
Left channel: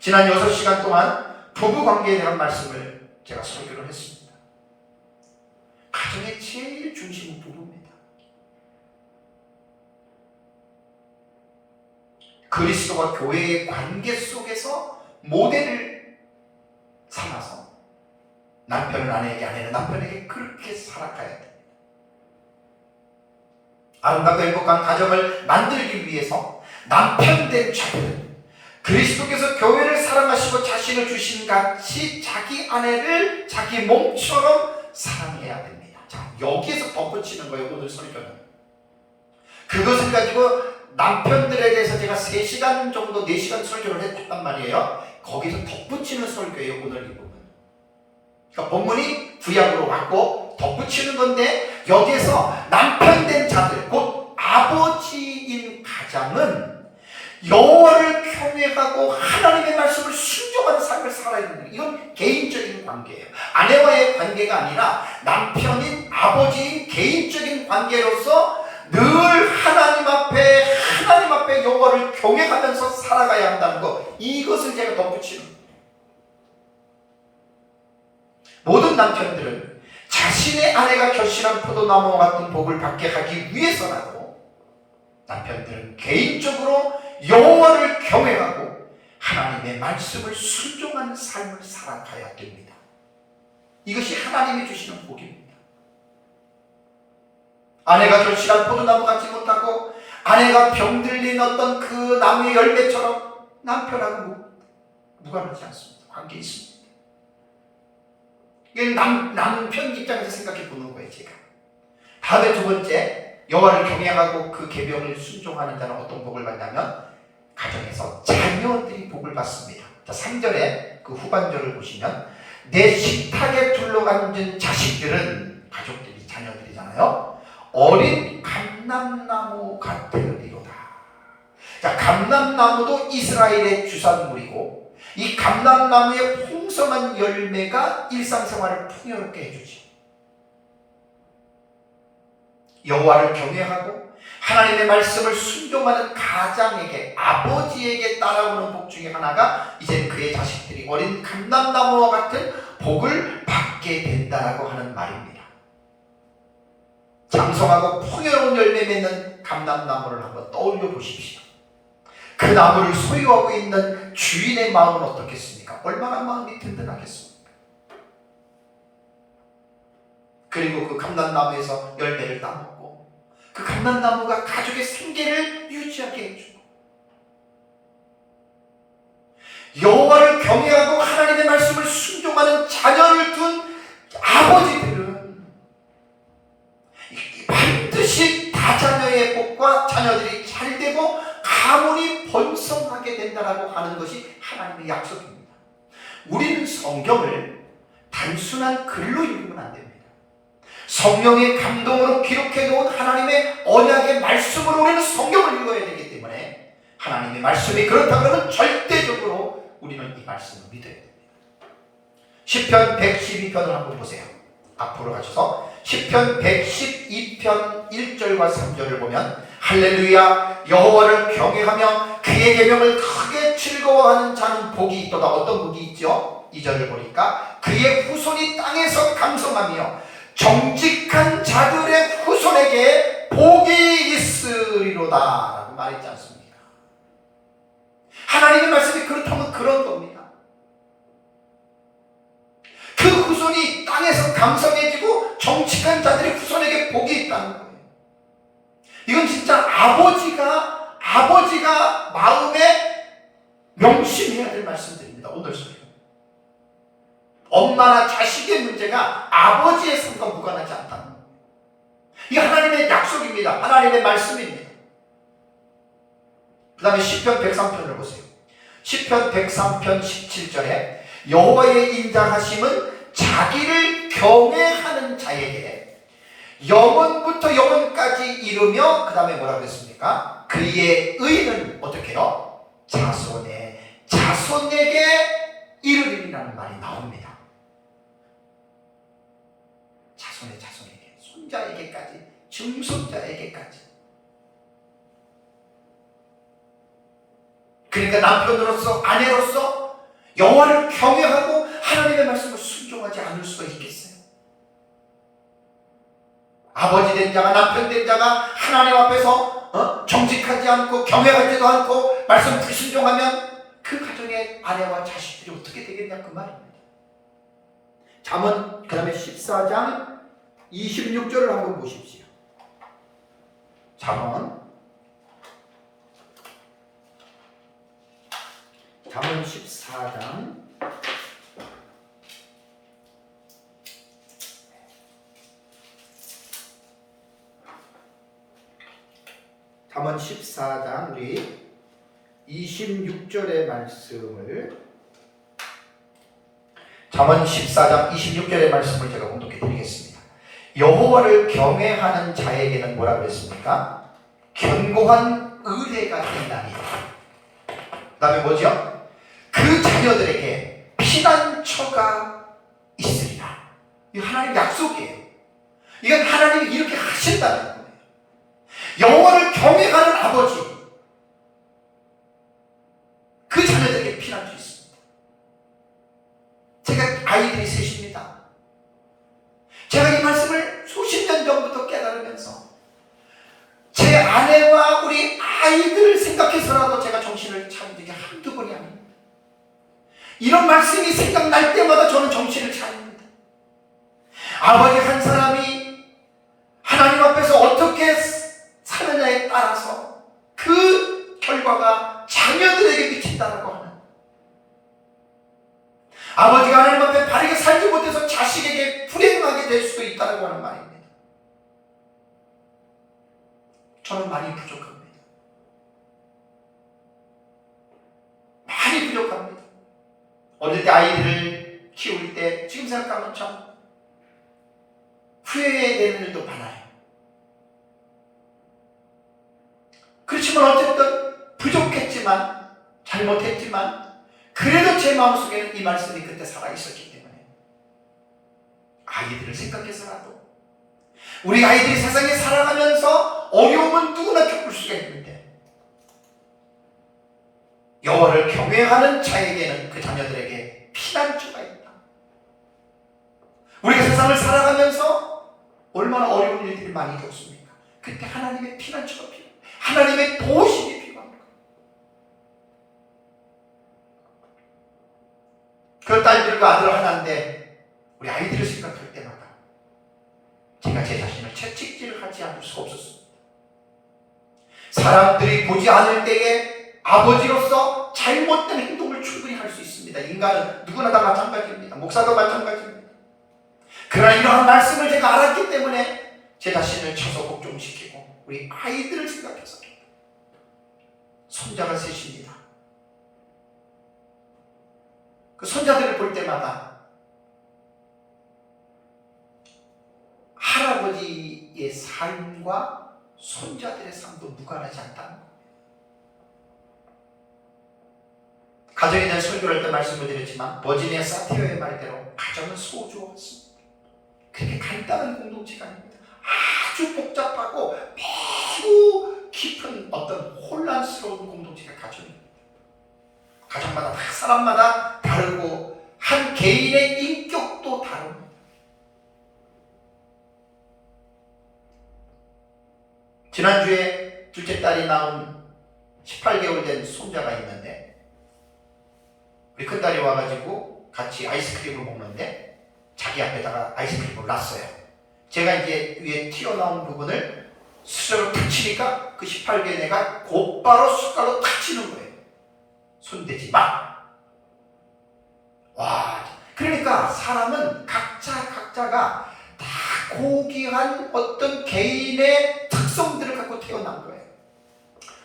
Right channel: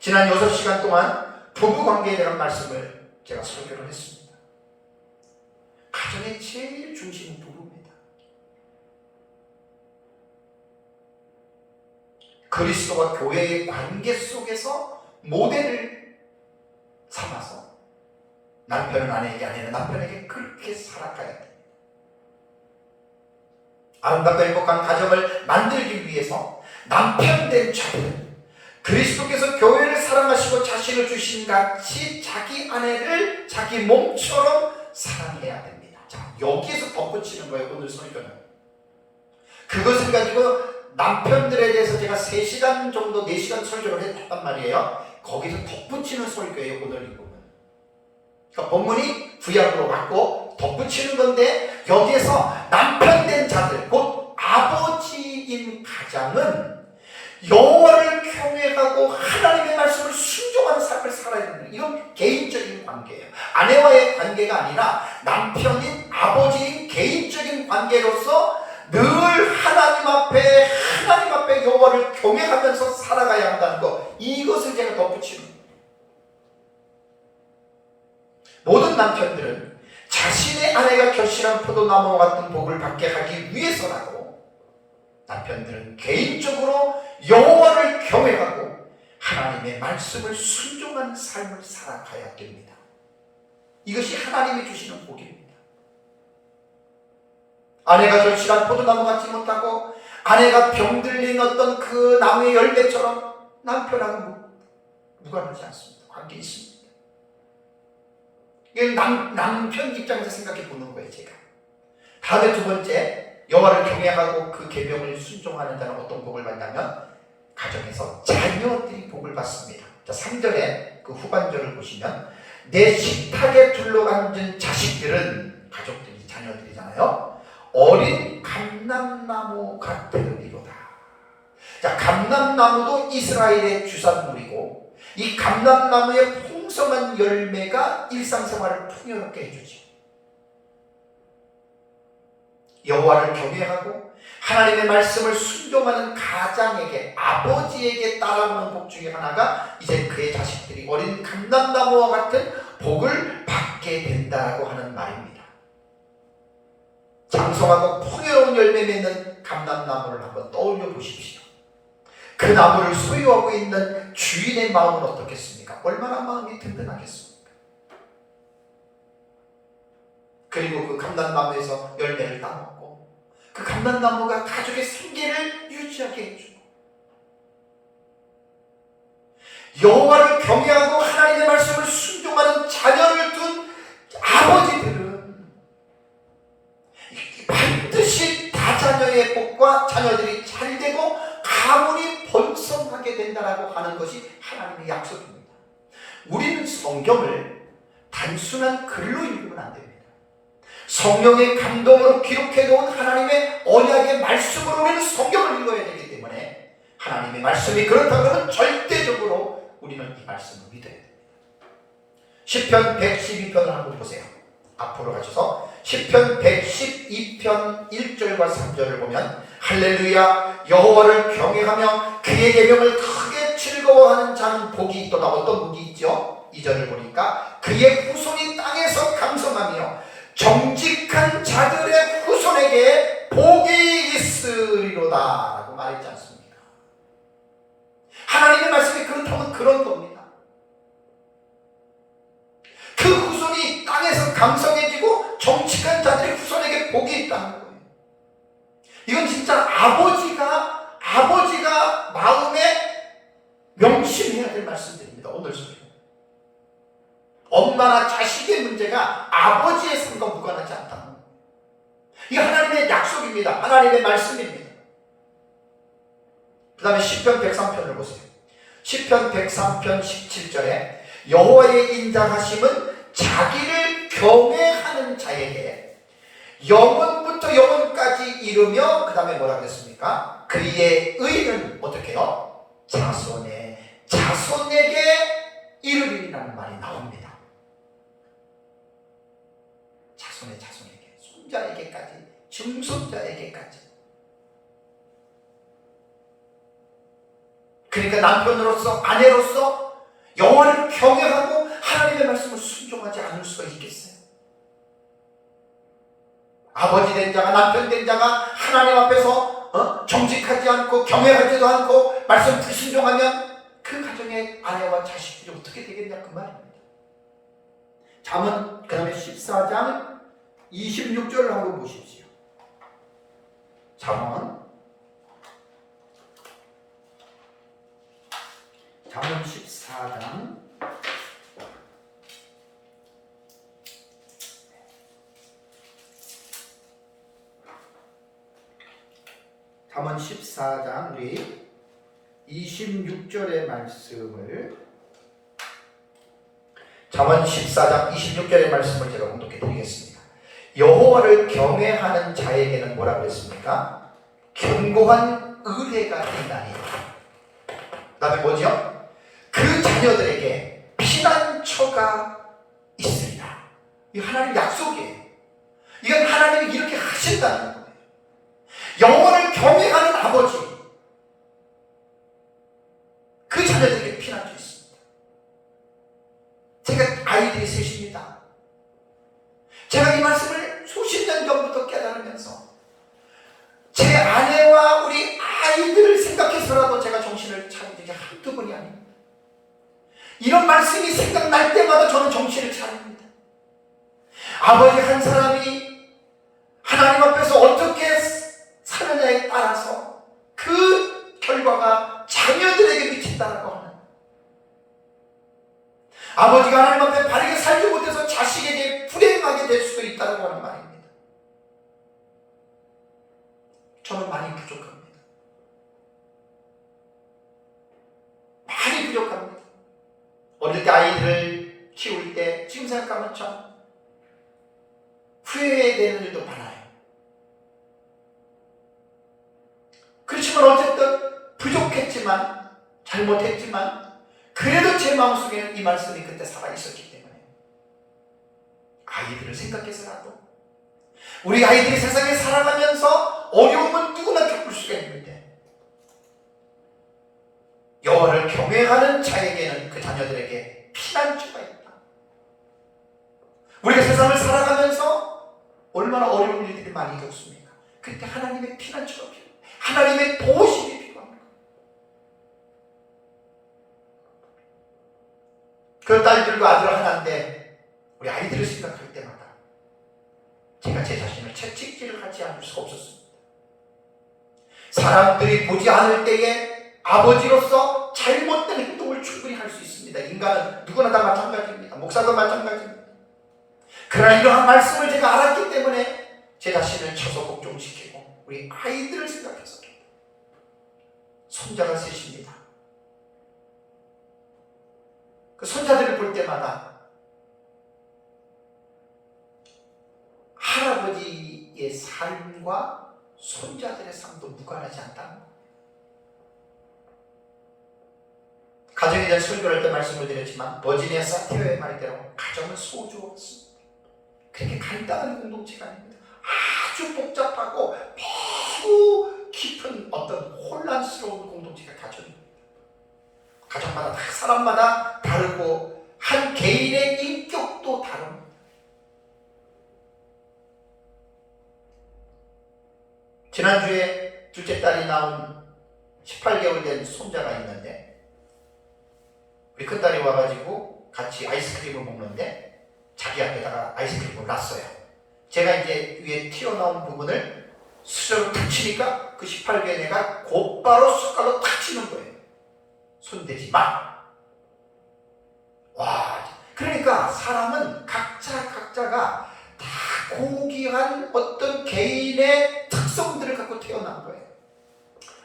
지난 6시간 동안 부부관계에 대한 말씀을 제가 설교를 했습니다. 가정의 제일 중심은 부부입니다. 그리스도와 교회의 관계 속에서 모델을 삼아서 남편은 아내에게, 아내는 남편에게 그렇게 살아가야 됩니다. 아름답고 행복한 가정을 만들기 위해서 남편된 자들은 그리스도께서 교회를 사랑하시고 자신을 주신 같이 자기 아내를 자기 몸처럼 사랑해야 됩니다. 자, 여기에서 덧붙이는 거예요, 오늘 설교는. 그것을 가지고 남편들에 대해서 제가 3시간 정도, 4시간 설교를 했단 말이에요. 거기서 덧붙이는 설교예요, 오늘 이 부분. 그러니까 본문이 구약으로 왔고 덧붙이는 건데, 여기에서 남편된 자들, 곧 아버지인 가장은 여호와를 경외하고 하나님의 말씀을 순종하는 삶을 살아야 됩니다. 이건 개인적인 관계예요. 아내와의 관계가 아니라 남편인 아버지인 개인적인 관계로서 늘 하나님 앞에 여호와를 경외하면서 살아가야 한다는 것, 이것을 제가 덧붙이는 거예요. 모든 남편들은 자신의 아내가 결실한 포도나무와 같은 복을 받게 하기 위해서라도 남편들은 개인적으로 여호와를 경외하고 하나님의 말씀을 순종하는 삶을 살아가야 됩니다. 이것이 하나님이 주시는 복입니다. 아내가 결실한 포도나무 같지 못하고 아내가 병들린 어떤 그 나무의 열매처럼 남편하고 무관하지 않습니다. 관계 있습니다. 이건 남편 입장에서 생각해 보는 거예요, 제가. 다음에 두 번째, 여호와를 경외하고 그 계명을 순종하는 자는 어떤 복을 받냐면 가정에서 자녀들이 복을 받습니다. 자, 3절에 그 후반절을 보시면 내 식탁에 둘러앉은 자식들은, 가족들이 자녀들이잖아요, 어린 감람나무 같으리로다. 자, 감람나무도 이스라엘의 주산물이고 이 감람나무의 풍성한 열매가 일상생활을 풍요롭게 해주지. 여호와를 경외하고 하나님의 말씀을 순종하는 가장에게, 아버지에게 따라오는 복 중에 하나가 이제 그의 자식들이 어린 감람나무와 같은 복을 받게 된다라고 하는 말입니다. 장성하고 풍요로운 열매 맺는 감람나무를 한번 떠올려 보십시오. 그 나무를 소유하고 있는 주인의 마음은 어떻겠습니까? 얼마나 마음이 든든하겠습니까? 그리고 그 감람나무에서 열매를 따먹고 그 감람나무가 가족의 생계를 유지하게 해주고, 여호와를 경외하고 하나님의 말씀을 순종하는 자녀를 둔 아버지들은 반드시 다자녀의 복과 자녀들이 잘되고 가문이 번성하게 된다라고 하는 것이 하나님의 약속입니다. 우리는 성경을 단순한 글로 읽으면 안 됩니다. 성령의 감동으로 기록해 놓은 하나님의 언약의 말씀으로 우리는 성경을 읽어야 되기 때문에, 하나님의 말씀이 그렇다면 절대적으로 우리는 이 말씀을 믿어야 됩니다. 시편 112편을 한번 보세요. 앞으로 가셔서 시편 112편 1절과 3절을 보면, 할렐루야, 여호와를 경외하며 그의 계명을 크게 즐거워하는 자는 복이 있도다. 어떤 복이 있죠? 2절을 보니까 그의 후손이 땅에서 강성하며 정직한 자들의 후손에게 복이 있으리로다 라고 말했지 않습니까? 하나님의 말씀이 그렇다면 그런 겁니다. 그 후손이 땅에서 강성해지고 정직한 자들의 후손에게 복이 있다는 거예요. 이건 진짜 아버지가 마음에 명심해야 될 말씀들입니다. 오늘 소리. 엄마나 자식의 문제가 아버지의 삶과 무관하지 않다는 거예요. 이게 하나님의 약속입니다. 하나님의 말씀입니다. 그 다음에 시편 103편을 보세요. 시편 103편 17절에 여호와의 인자하심은 자기를 경외하는 자에게 영원부터 영원까지 이르며 그 다음에 뭐라고 했습니까? 그의 의는 어떻게 해요? 자손에게 이르리라는 말이 나옵니다. 자손에게, 손자에게까지, 증손자에게까지. 그러니까 남편으로서, 아내로서 여호와를 경외하고 하나님의 말씀을 순종하지 않을 수가 있겠어요? 아버지 된 자가, 남편 된 자가 하나님 앞에서 정직하지 않고 경외하지도 않고 말씀 불순종하면 그 가정의 아내와 자식들이 어떻게 되겠냐 그 말입니다. 잠언 그 다음에 14장 26절을 한번 보십시오. 잠언 14장 14장 우리 26절의 말씀을 잠언 14장 26절의 말씀을 제가 공독해 드리겠습니다. 여호와를 경외하는 자에게는 뭐라 그랬습니까? 견고한 의뢰가 된다니. 그 다음에 뭐죠? 그 자녀들에게 피난처가 있으리라. 이 하나님 약속이에요. 이건 하나님이 이렇게 하신다는 거예요. 여호와를 경외하는 아버지, 그 자녀들에게 피난처 있습니다. 제가 아이들이 셋입니다. 제가 이 말씀을 수십 년 전부터 깨달으면서 제 아내와 우리 아이들을 생각해서라도 제가 정신을 차린 게 한두 번이 아닙니다. 이런 말씀이 생각날 때마다 저는 정신을 차립니다. 아버지 한 사람이 하나님 앞에서 어떻게 사느냐에 따라서 그 결과가 자녀들에게 미친다고 하는, 아버지가 하나님 앞에 바르게 살지 못해서 자식에게 불행하게 될 수도 있다고 하는 말입니다. 저는 많이 부족합니다. 많이 부족합니다. 어릴 때 아이들을 키울 때 지금 생각하면 참 후회되는 일도 많아요. 그렇지만 어쨌든 부족했지만, 잘못했지만 그래도 제 마음속에는 이 말씀이 그때 살아있었기 때문에 아이들을 생각해서라도, 우리 아이들이 세상에 살아가면서 어려움은 누구나 겪을 수가 있는데 여호와를 경외하는 자에게는 그 자녀들에게 피난처가 있다. 우리가 세상을 살아가면서 얼마나 어려운 일들이 많이 겪습니까? 그때 하나님의 피난처가 필요해요. 하나님의 보호심이 필요합니다. 그 딸들과 아들 하나인데 우리 아이들을 생각할 때마다 제가 제 자신을 채찍질하지 않을 수가 없었습니다. 사람들이 보지 않을 때에 아버지로서 잘못된 행동을 충분히 할 수 있습니다. 인간은 누구나 다 마찬가지입니다. 목사도 마찬가지입니다. 그러나 이러한 말씀을 제가 알았기 때문에 제 자신을 쳐서 복종시키고 우리 아이들을 생각해서, 손자가 셋입니다. 그 손자들을 볼 때마다 할아버지의 삶과 손자들의 삶도 무관하지 않다는 거예요. 가정에 대한 설교를 할 때 말씀을 드렸지만 버지니아 사티어의 말대로 가정은 소주가 없습니다. 그렇게 간단한 공동체가 아닙니다. 아주 복잡하고 매우 깊은 어떤 혼란스러운 공동체가 가정입니다. 가정마다 사람마다 다르고 한 개인의 인격도 다릅니다. 지난주에 둘째 딸이 낳은 18개월 된 손자가 있는데 우리 큰딸이 와가지고 같이 아이스크림을 먹는데 자기 앞에다가 아이스크림을 놨어요. 제가 이제 위에 튀어나온 부분을 수저로 탁 치니까 그 18개의 애가 곧바로 숟갈로 탁 치는 거예요. 손대지 마. 와, 그러니까 사람은 각자가 다 고귀한 어떤 개인의 특성들을 갖고 태어난 거예요.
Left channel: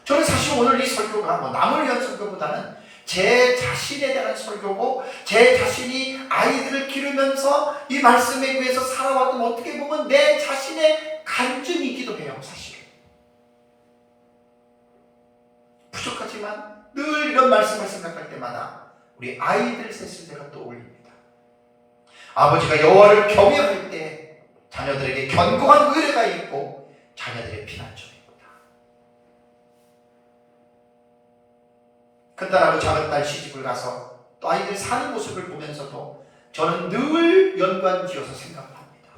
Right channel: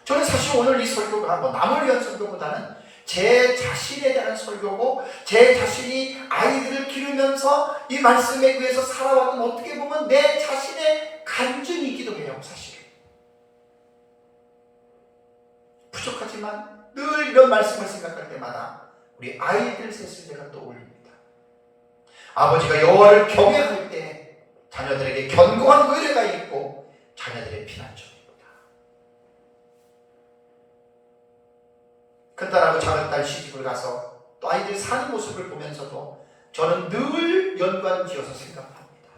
저는 사실 오늘 이 설교가 뭐 남을 위한 설교보다는 제 자신에 대한 설교고 제 자신이 아이들을 기르면서 이 말씀에 의해서 살아왔던 어떻게 보면 내 자신의 간증이기도 해요. 사실은 부족하지만 늘 이런 말씀을 생각할 때마다 우리 아이들 셋을 제가 떠올립니다. 아버지가 여호와를 경외할 때 자녀들에게 견고한 의뢰가 있고 자녀들의 피난처입니다. 큰딸하고 작은딸 시집을 가서 또 아이들 사는 모습을 보면서도 저는 늘 연관지어서 생각합니다.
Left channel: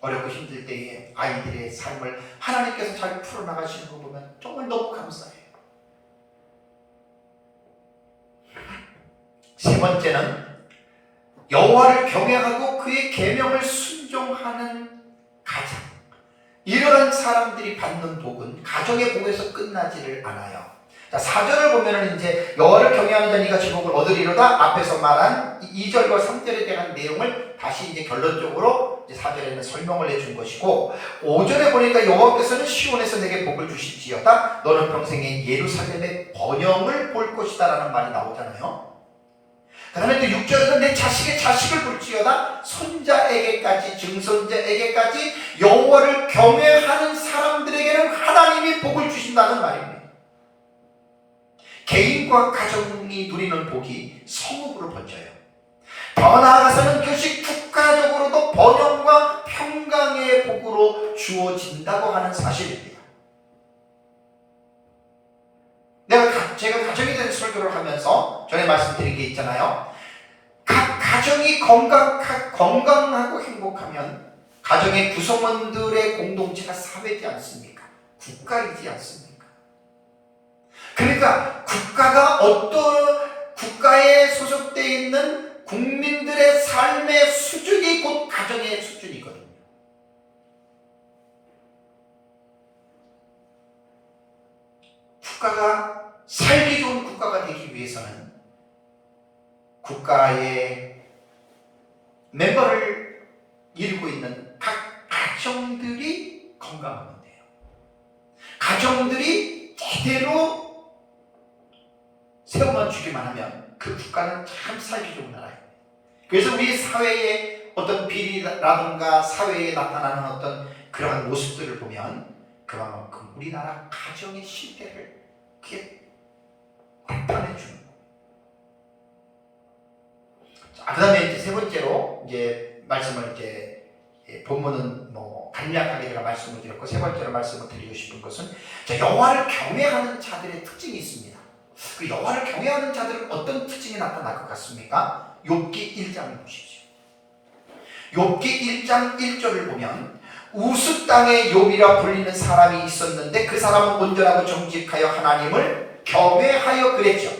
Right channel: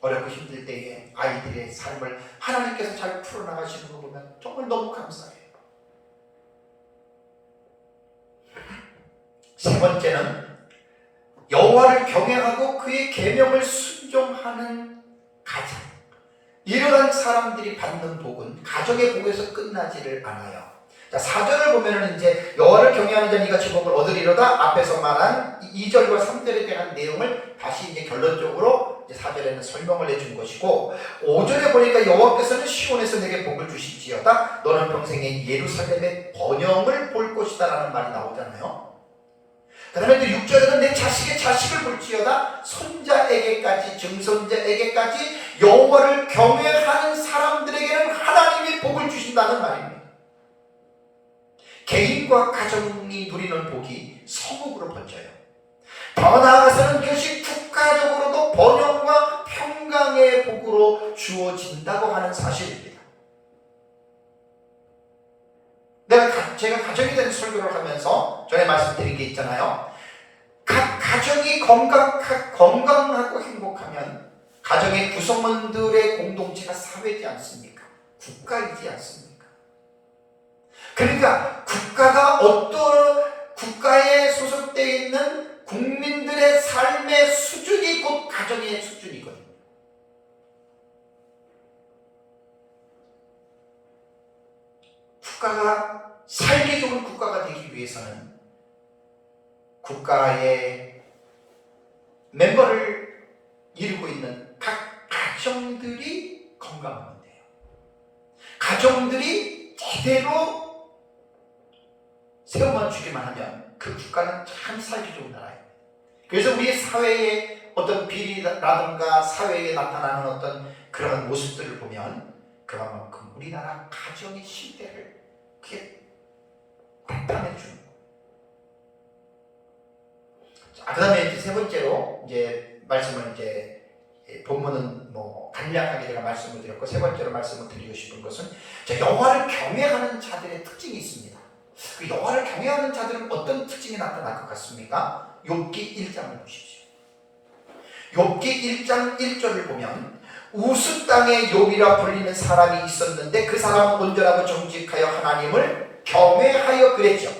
어렵고 힘들 때에 아이들의 삶을 하나님께서 잘 풀어나가시는 거 보면 정말 너무 감사해요. 세 번째는 여호와를 경외하고 그의 계명을 순종하는 가정. 이러한 사람들이 받는 복은 가정의 복에서 끝나지를 않아요. 자, 4절을 보면은 이제 여호와를 경외하는 자는 이같이 복을 얻으리로다. 앞에서 말한 2절과 3절에 대한 내용을 다시 이제 결론적으로 이제 4절에는 설명을 해준 것이고, 5절에 보니까 여호와께서는 시온에서 내게 복을 주실지어다. 너는 평생에 예루살렘의 번영을 볼 것이다 라는 말이 나오잖아요. 그 다음에 또 6절에는 내 자식의 자식을 볼지어다. 손자에게까지 증손자에게까지 여호와를 경외하는 사람들에게는 하나님이 복을 주신다는 말입니다. 개인과 가정이 누리는 복이 성읍으로 번져요. 더 나아가서는 그것이 국가적으로도 번영과 평강의 복으로 주어진다고 하는 사실입니다. 제가 가정에 대한 설교를 하면서 전에 말씀드린 게 있잖아요. 각 가정이 건강하고 행복하면 가정의 구성원들의 공동체가 사회지 않습니까? 국가이지 않습니까? 그러니까 국가에 소속되어 있는 국민들의 삶의 수준이 곧 가정의 수준이거든요. 국가가 살기 좋은 국가가 되기 위해서는 국가의 멤버를 이루고 있는 각 가정들이 건강하면 돼요. 가정들이 제대로 세워만 주기만 하면 그 국가는 참 살기 좋은 나라예요. 그래서 우리 사회의 어떤 비리라든가 사회에 나타나는 어떤 그런 모습들을 보면 그만큼 우리나라 가정의 실패를 그게 나타내 주는 거예요. 자, 그 다음에 이제 세 번째로 이제 말씀을 이제 본문은 뭐 간략하게 제가 말씀을 드렸고, 세 번째로 말씀을 드리고 싶은 것은 여호와를 경외하는 자들의 특징이 있습니다. 그 여호와를 경외하는 자들은 어떤 특징이 나타날 것 같습니까? 욥기 1장을 보십시오. 욥기 1장 1절을 보면 우스 땅에 욥이라 불리는 사람이 있었는데 그 사람은 온전하고 정직하여 하나님을 경외하여 그랬죠.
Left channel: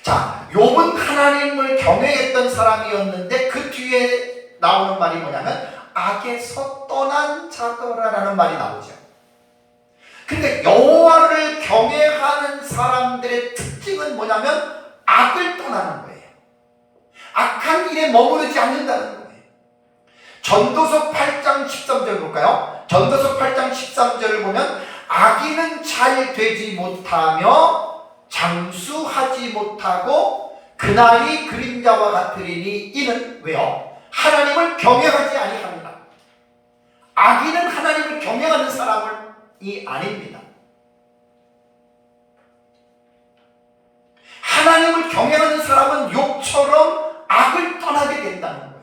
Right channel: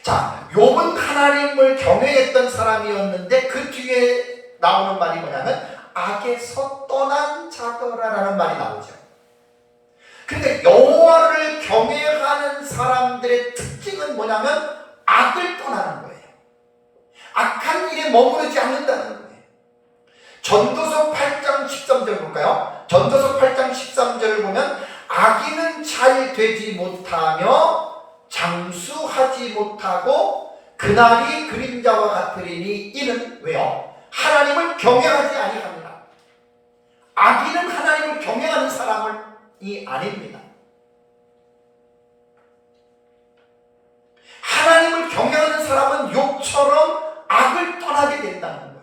자, 욥은 하나님을 경외했던 사람이었는데 그 뒤에 나오는 말이 뭐냐면 악에서 떠난 자더라라는 말이 나오죠. 그러니까 여호와를 경외하는 사람들의 특징은 뭐냐면 악을 떠나는 거예요. 악한 일에 머무르지 않는다는 거예요. 전도서 8장 13절 볼까요? 전도서 8장 13절을 보면 악인은 잘 되지 못하며 장수하지 못하고 그날이 그림자와 같으리니 이는 왜요? 하나님을 경외하지 아니합니다. 악인은 하나님을 경외하는 사람이 아닙니다. 하나님을 경외하는 사람은 욥처럼 악을 떠나게 된다는 거예요.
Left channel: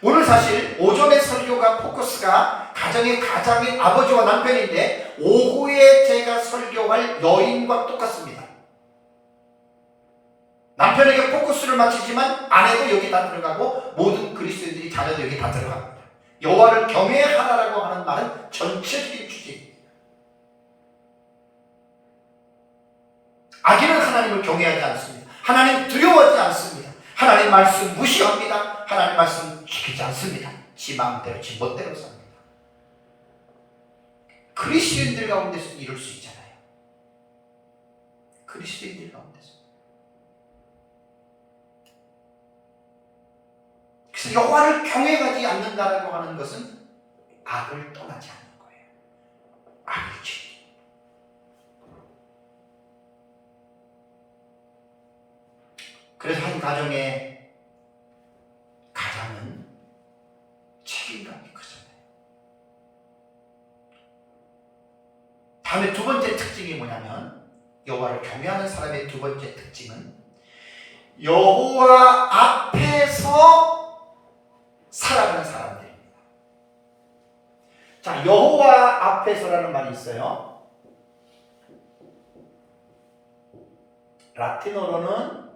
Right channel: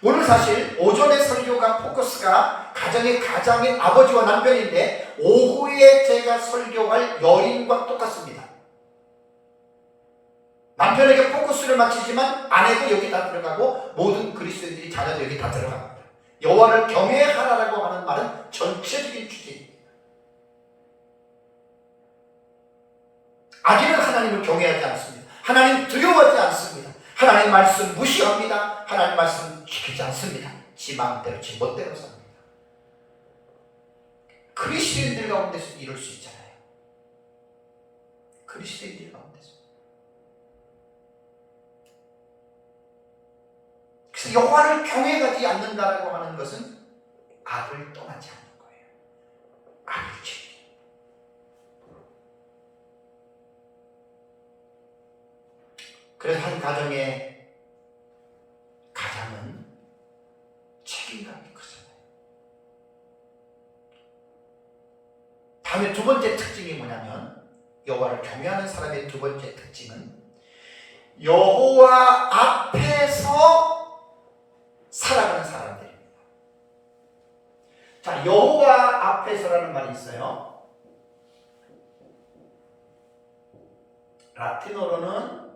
오늘 사실 오전의 설교가 포커스가 가정의 가장인 아버지와 남편인데 오후에 제가 설교할 여인과 똑같습니다. 남편에게 포커스를 맞추지만 아내도 여기 다 들어가고 모든 그리스도인들이 자녀도 여기 다 들어갑니다. 여호와를 경외하라라고 하는 말은 전체적인 주제입니다. 악인은 하나님을 경외하지 않습니다. 하나님 두려워하지 않습니다. 하나님 말씀 무시합니다. 하나님 말씀 지키지 않습니다. 지 마음대로 지 멋대로 삽니다. 그리스도인들 가운데서 이럴 수 있잖아요. 그리스도인들 가운데서. 그래서 여호와를 경외하지 않는다라고 하는 것은 악을 떠나지 않는 거예요. 악이죠. 그래서 한 가정의 가장은 책임감이 크잖아요. 다음에 두 번째 특징이 뭐냐면, 여호와를 경외하는 사람의 두 번째 특징은 여호와 앞에서 살아가는 사람들입니다. 자, 여호와 앞에서라는 말이 있어요. 라틴어로는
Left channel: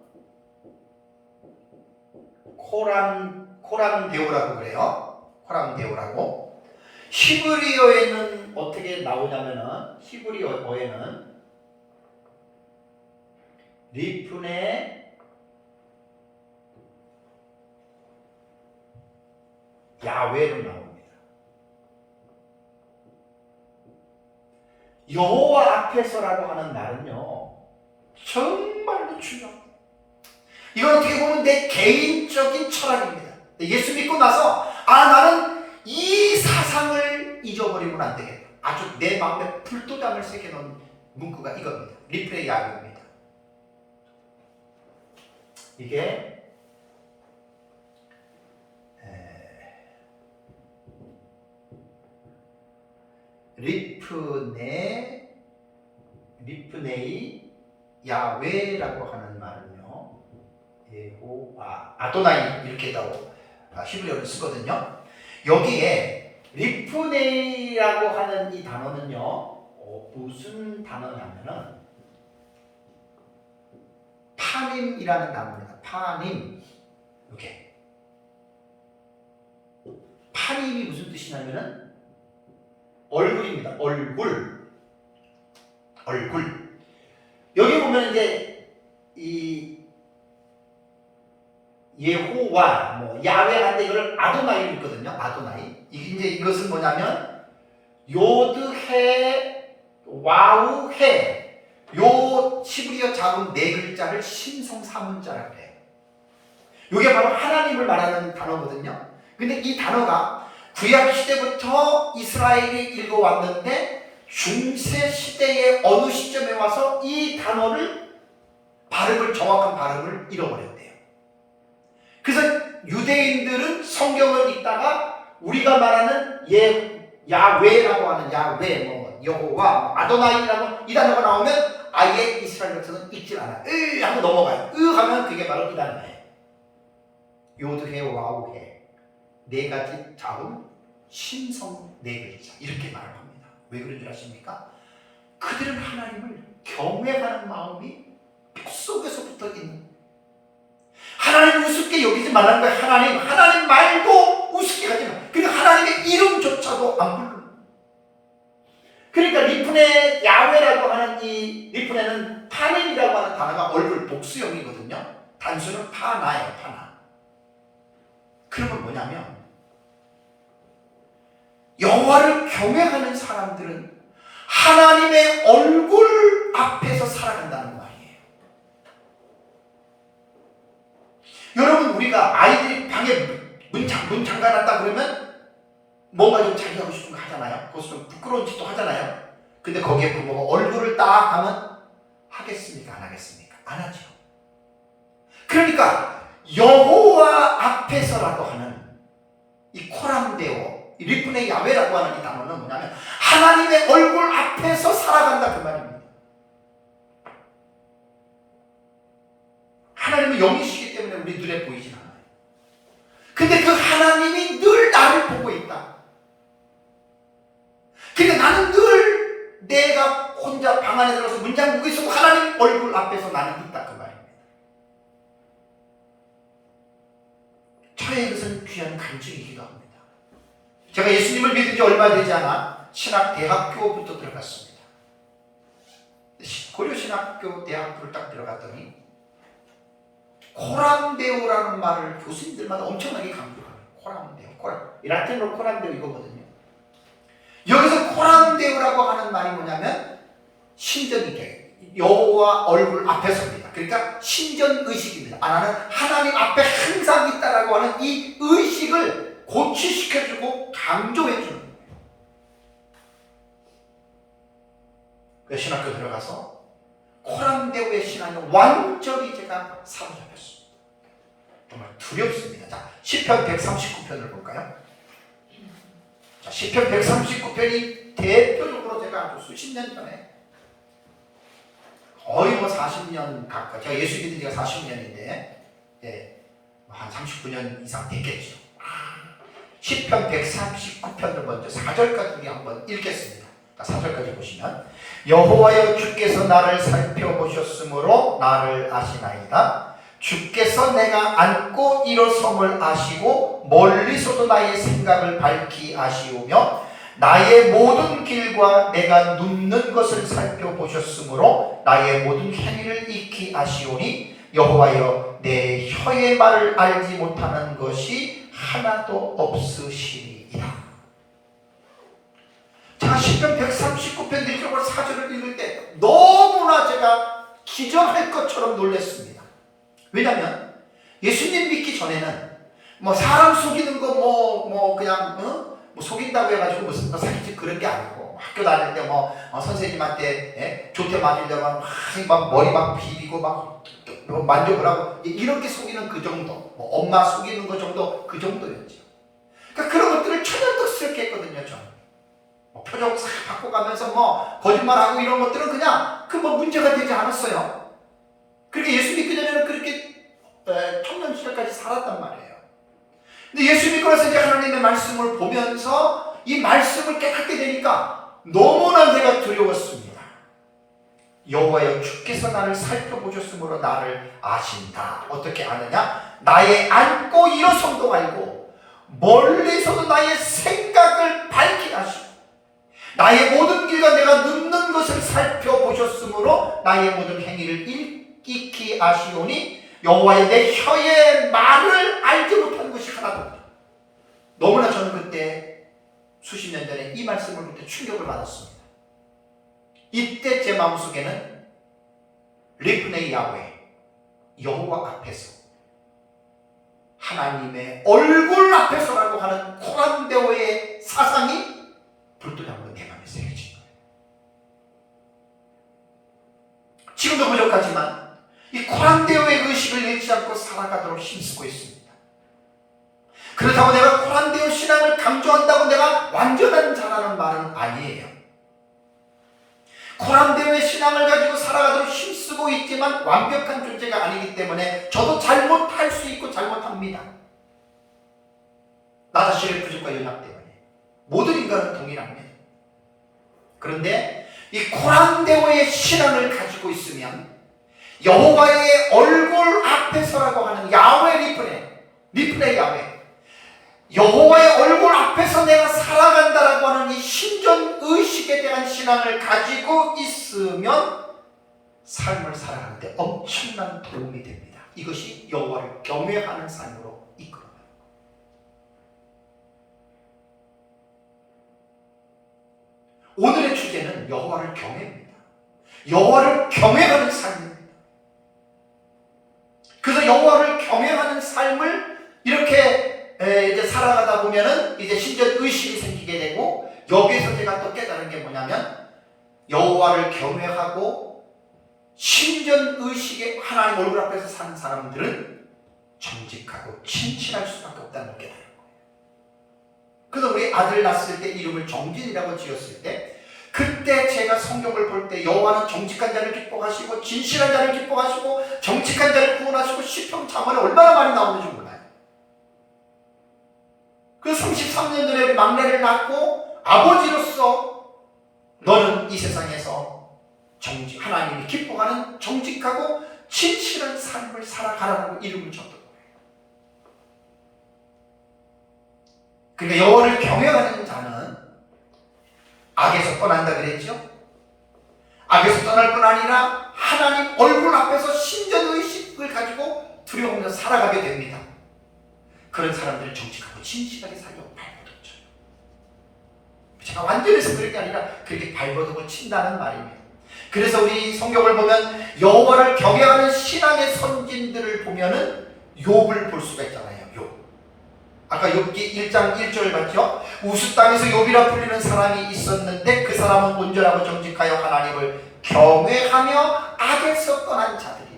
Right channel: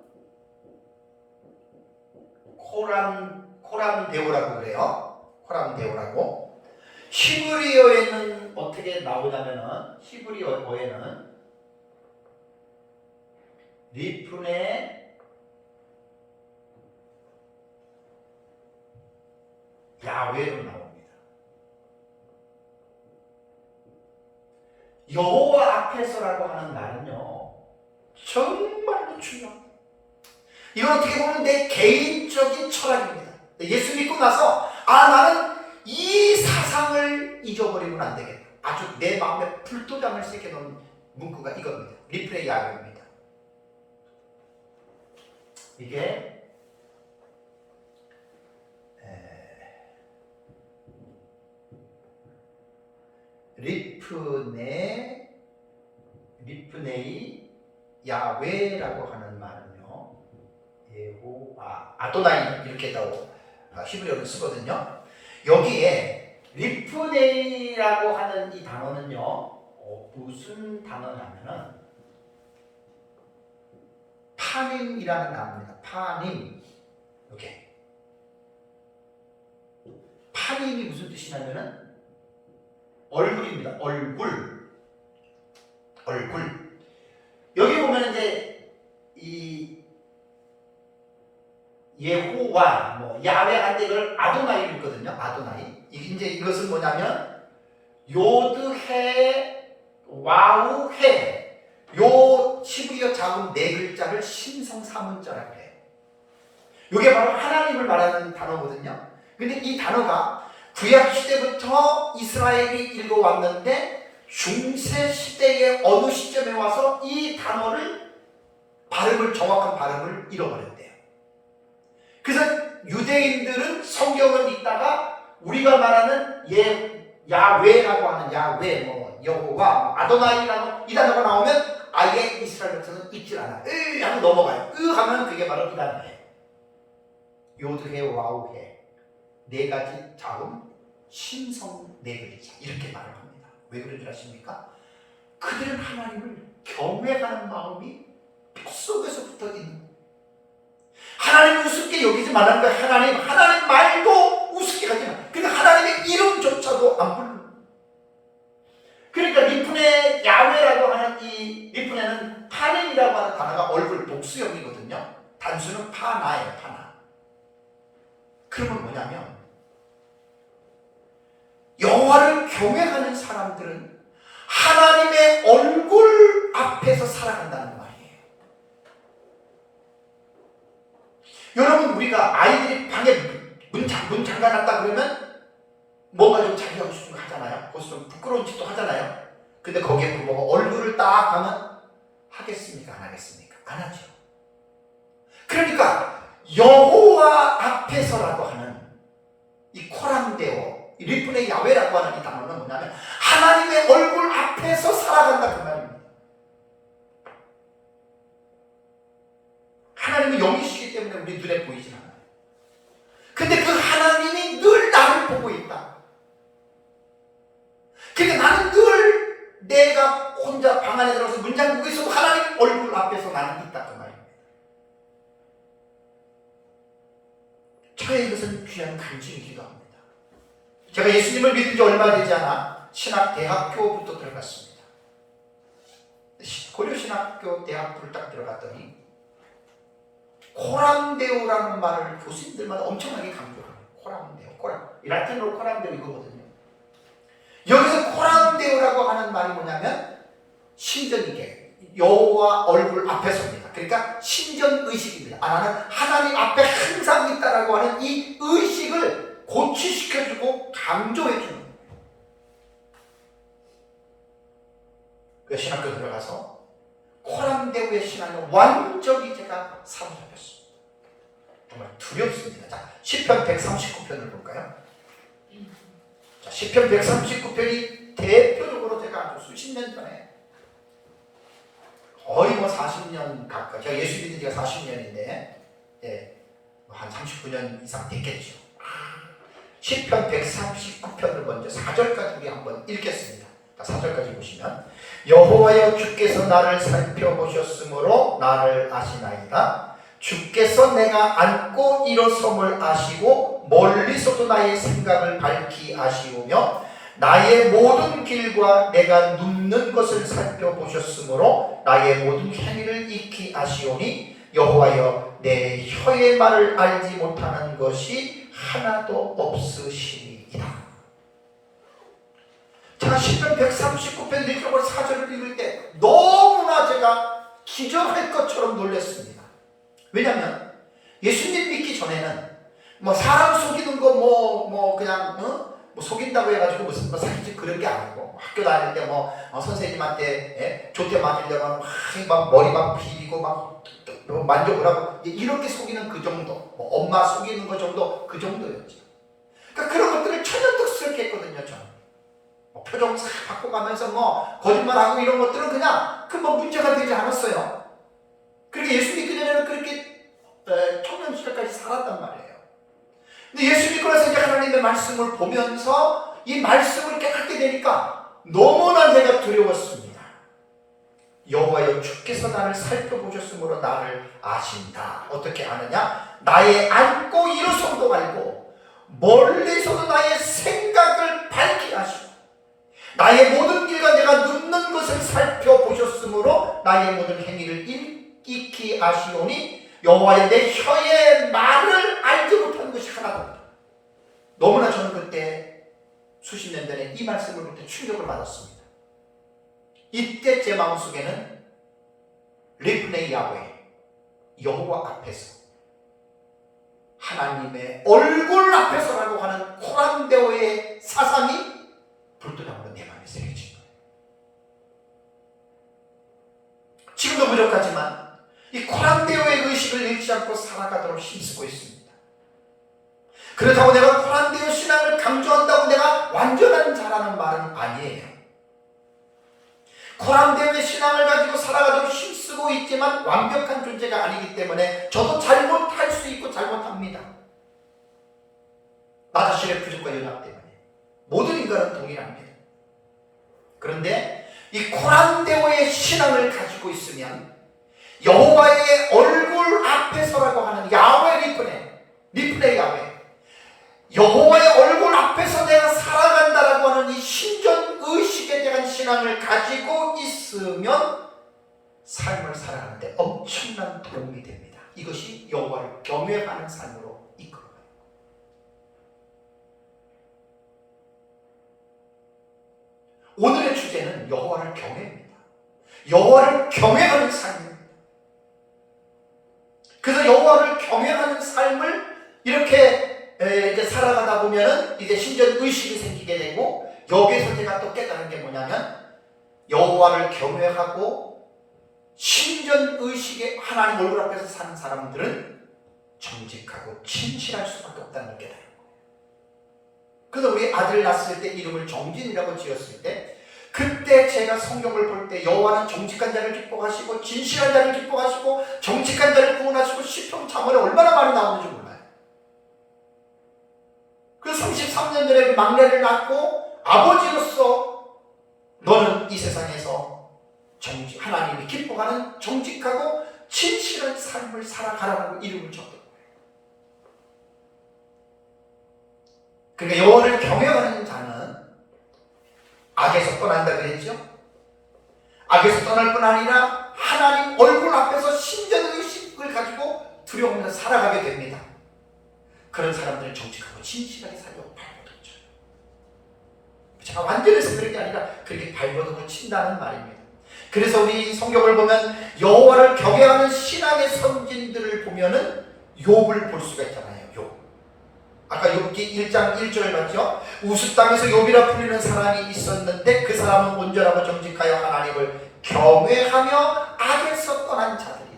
코람데오라고 그래요. 코람데오라고. 히브리어에는 어떻게 나오냐면은, 히브리어에는 리프네 야훼로 나옵니다. 여호와 앞에서라고 하는 말은요, 정말로 중요합니다. 이건 어떻게 보면 내 개인적인 철학입니다. 예수 믿고 나서 나는 이 사상을 잊어버리면 안 되겠다. 아주 내 마음에 불도장을 새겨놓은 문구가 이겁니다. 리프네 야훼입니다. 이게 리프네이 야훼라고 하는 말은요, 예호와 아도나이 이렇게도 히브리어를 쓰거든요. 여기에 리프네이라고 하는 이 단어는요, 무슨 단어냐면은 파님이라는 단어입니다. 파님. 이렇게 파님이 무슨 뜻이냐면은 얼굴입니다. 얼굴. 여기 보면 이제 이 예호와 야훼한테 이걸 아도나이 있거든요. 아도나이. 이제 이것은 뭐냐면 요드헤 와우헤, 요 히브리어 작은 네 글자를 신성사문자라고 해요. 이게 바로 하나님을 말하는 단어거든요. 근데 이 단어가 구약 시대부터 이스라엘이 읽어왔는데 중세 시대의 어느 시점에 와서 이 단어를 정확한 발음을 잃어버렸대요. 그래서 유대인들은 성경을 읽다가 우리가 말하는 야훼라고 하는 야훼, 여호와, 아도나이라고 이 단어가 나오면 아예 이스라엘 백성은 읽질 않아요. 하면 넘어가요. 하면 그게 바로 이 단어예요. 요드헤 와우헤, 네 가지 자음, 신성 네 글자, 이렇게 말을 합니다. 왜 그런 줄 아십니까? 그들은 하나님을 경외하는 마음이 뼛속에서부터 있는, 하나님 우습게 여기지 말라는 거예요. 하나님 말도 우습게 하지 마. 그러니까 하나님의 이름조차도 안 부르는. 그러니까 리프네 야훼라고 하는 이 리프네는 파님이라고 하는 단어가 얼굴 복수형이거든요. 단수는 파나예요. 파나. 그러면 뭐냐면 여호와를 경외하는 사람들은 하나님의 얼굴 앞에서 살아간다는 말이에요. 여러분, 우리가 아이들이 방에 문 잠가놨다 그러면 뭔가 좀 자기 하고 싶은 거 하잖아요. 그것은 부끄러운 짓도 하잖아요. 근데 거기에 뭐가 얼굴을 딱 하면 하겠습니까? 안 하겠습니까? 안 하죠. 그러니까 여호와 앞에서라고 하는 이 코람데오, 리프네 야훼라고 하는 이 단어는 뭐냐면 하나님의 얼굴 앞에서 살아간다 그 말입니다. 하나님은 영이시기 때문에 우리 눈에 보이지 않아요. 근데 그 하나님이 늘 나를 보고 있다. 그러니까 나는 늘 내가 혼자 방 안에 들어가서 문 잠그고 있어도 하나님 얼굴 앞에서 나는 있다 그 말입니다. 저의 이것은 귀한 간증이기도 합니다. 제가 예수님을 믿은 지 얼마 되지 않아 신학대학교부터 들어갔습니다. 고려신학교 대학부를 딱 들어갔더니 코람데오라는 말을 교수님들마다 엄청나게 강조합니다. 코람데오. 라틴어로 코람데오 이거거든요. 여기서 코람데오라고 하는 말이 뭐냐면 신전이게, 여호와 얼굴 앞에서입니다. 그러니까 신전의식입니다. 나는 하나님 앞에 항상 있다라고 하는 이 의식을 고취시켜주고 강조해주는 거예요. 그래서 신학교 들어가서 코람데오의 신앙에 완전히 제가 사로잡혔습니다. 정말 두렵습니다. 자, 시편 139편을 볼까요? 자, 시편 139편이 대표적으로 제가 아주 수십 년 전에 거의 뭐 40년 가까이, 제가 예수 믿은 지가 40년인데 한 39년 이상 됐겠죠. 시편 139편을 먼저 4절까지 우리 한번 읽겠습니다. 4절까지 보시면, 여호와여 주께서 나를 살펴보셨으므로 나를 아시나이다. 주께서 내가 앉고 일어섬을 아시고 멀리서도 나의 생각을 밝히 아시오며 나의 모든 길과 내가 눕는 것을 살펴보셨으므로 나의 모든 행위를 익히 아시오니 여호와여 내 혀의 말을 알지 못하는 것이 하나도 없으시리이다. 제가 시편 139편 1절과 4절을 읽을 때 너무나 제가 기절할 것처럼 놀랐습니다. 왜냐하면 예수님 믿기 전에는 뭐 사람 속이는 거 그냥 뭐 속인다고 해가지고 무슨 사실 그런 게 아니고, 학교 다닐 때 선생님한테 조퇴 맞으려면 막 머리 막 비비고 막 만져보라고 이렇게 속이는 그 정도, 뭐 엄마 속이는 거 정도, 그 정도였죠. 그러니까 그런 것들을 천연덕스럽게 했거든요. 저는 표정 싹 바꿔가면서 거짓말하고 이런 것들은 그냥 문제가 되지 않았어요. 그렇게 예수 믿기 전에는 그렇게 청년 시절까지 살았단 말이에요. 근데 예수 믿고 나서 이제 하나님의 말씀을 보면서 이 말씀을 깨닫게 되니까 너무나 내가 두려웠습니다. 여호와여 주께서 나를 살펴보셨으므로 나를 아신다. 어떻게 아느냐? 나의 앉고 일어섬도 알고 멀리서도 나의 생각을 밝히 아시고 나의 모든 길과 내가 눕는 것을 살펴보셨으므로 나의 모든 행위를 익히 아시오니 여호와여 내 혀의 말을 알지 못하는 것이 하나도 없다. 너무나 저는 그때 수십 년 전에 이 말씀을 볼 때 충격을 받았습니다. 이때 제 마음속에는 리프네이 야훼, 여호와 앞에서, 하나님의 얼굴 앞에서라고 하는 코란데오의 사상이 불도저 한번 내 마음에 새겨진 거예요. 지금도 부족하지만 이 코란데오의 의식을 잃지 않고 살아가도록 힘쓰고 있습니다. 그렇다고 내가 코란데오 신앙을 강조한다고 내가 완전한 자라는 말은 아니에요. 코란데오의 신앙을 가지고 살아가도록 힘쓰고 있지만 완벽한 존재가 아니기 때문에 저도 잘못할 수 있고 잘못합니다. 나 자신의 부족과 연합 때문에. 모든 인간은 동일합니다. 그런데 이 코란데오의 신앙을 가지고 있으면 여호와의 얼굴 앞에서라고 하는 야훼 리프네 야훼, 여호와의 얼굴 앞에서 내가 살아간다라고 하는 이 신전의식에 대한 신앙을 가지고 있으면 삶을 살아가는데 엄청난 도움이 됩니다. 이것이 여호와를 경외하는 삶으로 이끌어가요. 오늘의 주제는 여호와를 경외입니다. 여호와를 경외하는 삶입니다. 그래서 여호와를 경외하는 삶을 이렇게 이제 살아가다 보면은 이제 신전 의식이 생기게 되고, 여기에서 제가 또 깨달은 게 뭐냐면 여호와를 경외하고 신전 의식에 하나님 얼굴 앞에서 사는 사람들은 정직하고 진실할 수밖에 없다는 걸 깨달은 거예요. 그래서 우리 아들 낳았을 때 이름을 정진이라고 지었을 때, 그때 제가 성경을 볼 때 여호와는 정직한 자를 기뻐하시고 진실한 자를 기뻐하시고 정직한 자를 구원하시고 시편 자문에 얼마나 많이 나오는지 몰라요. 그 33년 전에 막내를 낳고 아버지로서 너는 이 세상에서 하나님이 기뻐하는 정직하고 진실한 삶을 살아가라고 이름을 줬던 거예요. 그러니까 여호와를 경외하는 자는 악에서 떠난다 그랬죠? 악에서 떠날 뿐 아니라 하나님 얼굴 앞에서 신전의식을 가지고 두려움 없이 살아가게 됩니다. 그런 사람들은 정직하고 진실하게 살려고 발버둥 쳐요. 제가 완전히 해서 그런 게 아니라 그렇게 발버둥을 친다는 말입니다. 그래서 우리 성경을 보면 여호와를 경외하는 신앙의 선진들을 보면은 욥을 볼 수가 있잖아요. 욥. 아까 욥기 1장 1절 봤죠? 우스 땅에서 욥이라 불리는 사람이 있었는데 그 사람은 온전하고 정직하여 하나님을 경외하며 악에서 떠난 자들이라.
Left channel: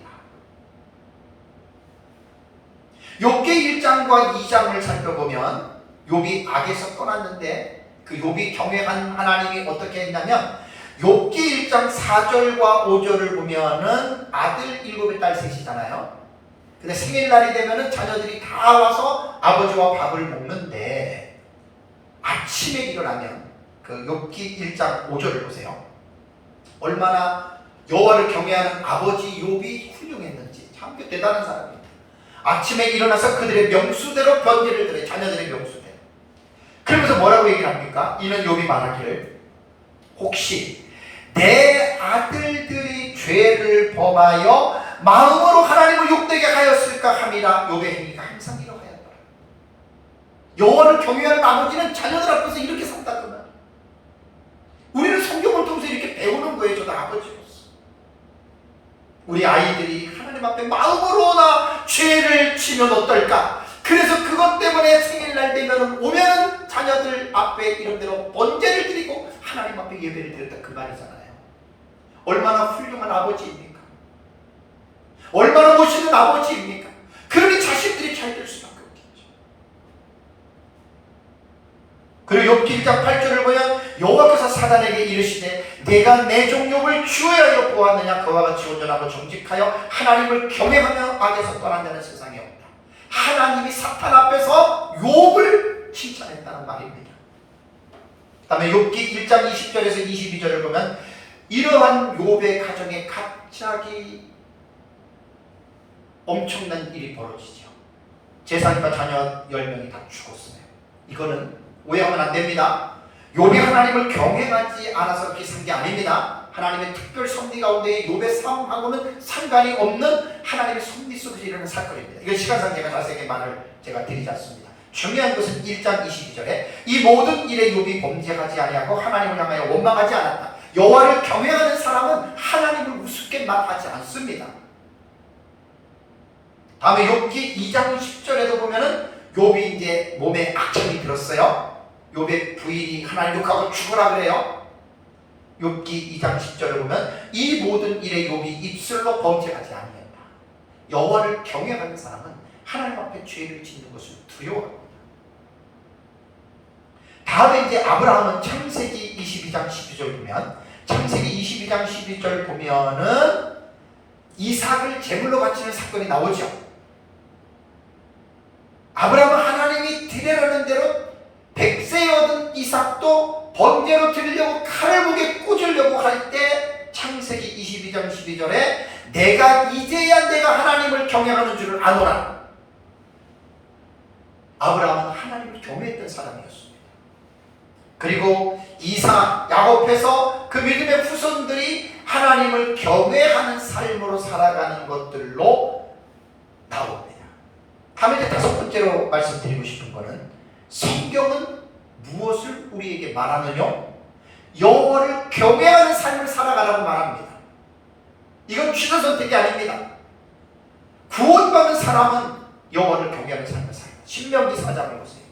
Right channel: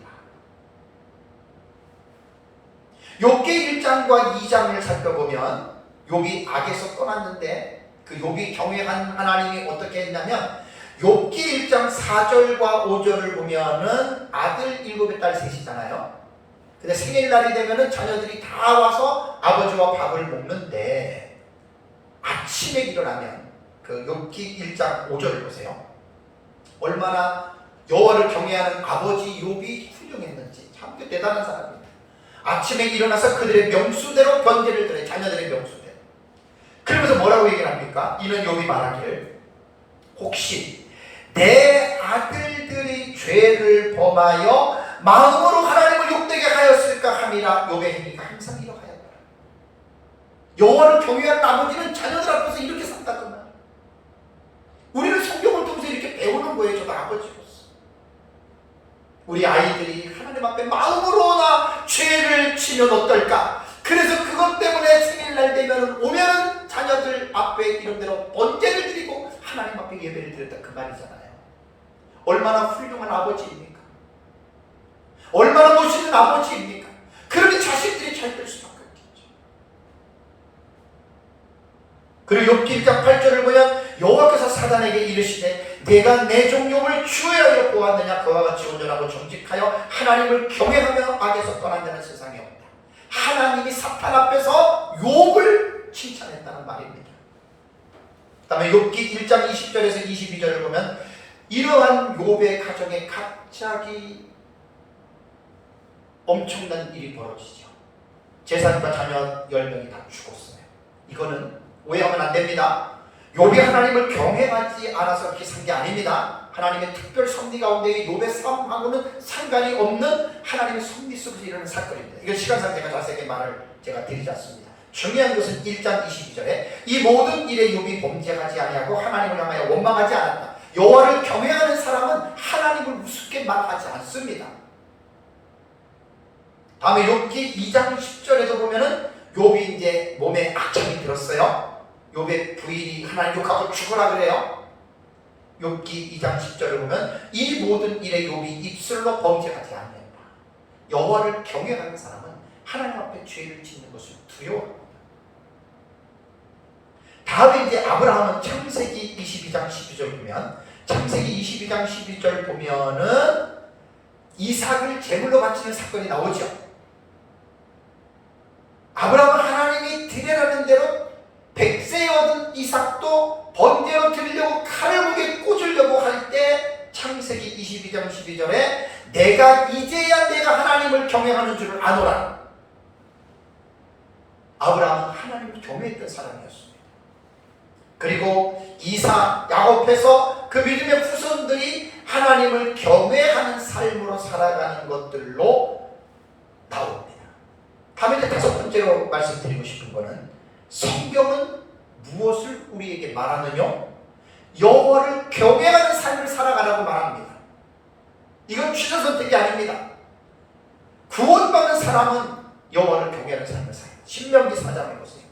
욥기 1장과 2장을 살펴보면 욥이 악에서 떠났는데 그 욥이 경외한 하나님이 어떻게 했냐면 욥기 1장 4절과 5절을 보면은 아들 7의 딸 셋이잖아요. 근데 생일날이 되면은 자녀들이 다 와서 아버지와 밥을 먹는데 아침에 일어나면 그 욥기 1장 5절을 보세요. 얼마나 여호와를 경외하는 아버지 욥이 훌륭했는지 참 대단한 사람입니다. 아침에 일어나서 그들의 명수대로 번제를 드려, 자녀들의 명수대로. 그러면서 뭐라고 얘기를 합니까? 이는 욥이 말하기를 혹시 내 아들들이 죄를 범하여 마음으로 하나님을 욕되게 하였을까 함이라. 욥의 행위가 항상 이러하였다. 여호와를 경외하는 아버지는 자녀들 앞에서 이렇게 산다구나. 우리는 성경을 통해서 이렇게 배우는 거예요. 저도 아버지로서. 우리 아이들이 하나님 앞에 마음으로나 죄를 지면 어떨까? 그래서 그것 때문에 생일날 되면 오면은 자녀들 앞에 이런대로 번제를 드리고 하나님 앞에 예배를 드렸다 그 말이잖아요. 얼마나 훌륭한 아버지입니까? 얼마나 멋있는 아버지입니까? 그러니 자식들이 잘 될 수밖에 없겠죠. 그리고 욥기 1장 8절을 보면 여호와께서 사단에게 이르시되 내가 내 종 욥을 주의하여 보았느냐. 그와 같이 온전하고 정직하여 하나님을 경외하며 악에서 떠난 자는 세상에 없다. 하나님이 사탄 앞에서 욥을 칭찬했다는 말입니다. 그 다음에 욥기 1장 20절에서 22절을 보면 이러한 욥의 가정에 갑자기 엄청난 일이 벌어지죠. 제사장과 자녀 10명이 다 죽었어요. 이거는 오해하면 안 됩니다. 욥이 하나님을 경외하지 않아서 이렇게 산 게 아닙니다. 하나님의 특별 섭리 가운데 욥의 삶하고는 상관이 없는 하나님의 섭리 속에서 일어나는 사건입니다. 이건 시간상 제가 자세하게 말을 제가 드리지 않습니다. 중요한 것은 1장 22절에 이 모든 일에 욥이 범죄하지 아니하고 하나님을 향하여 원망하지 않았다. 여호와를 경외하는 사람은 하나님을 우습게만 하지 않습니다. 다음에 욥기 2장 10절에도 보면은 욥이 이제 몸에 악청이 들었어요. 욥의 부인이 하나님 욕하고 죽으라 그래요. 욥기 2장 10절을 보면 이 모든 일에 욥이 입술로 범죄하지 아니했다. 여호와를 경외하는 사람은 하나님 앞에 죄를 짓는 것을 두려워합니다. 다음에 이제 아브라함은 창세기 22장 12절 보면 창세기 22장 12절 보면은 이삭을 제물로 바치는 사건이 나오죠. 아브라함은 하나님이 드리라는 대로 백세에 얻은 이삭도 번제로 드리려고 칼을 목에 꽂으려고 할 때 창세기 22장 12절에 내가 이제야 내가 하나님을 경외하는 줄을 아노라. 아브라함은 하나님을 경외했던 사람이었습니다. 그리고 이삭, 야곱에서 그 믿음의 후손들이 하나님을 경외하는 삶으로 살아가는 것들로 나옵니다. 다음에 이제 다섯 번째로 말씀드리고 싶은 것은 성경은 무엇을 우리에게 말하느냐? 여호와를 경외하는 삶을 살아가라고 말합니다. 이건 취사 선택이 아닙니다. 구원받은 사람은 여호와를 경외하는 삶을 살아요. 신명기 4장을 보세요.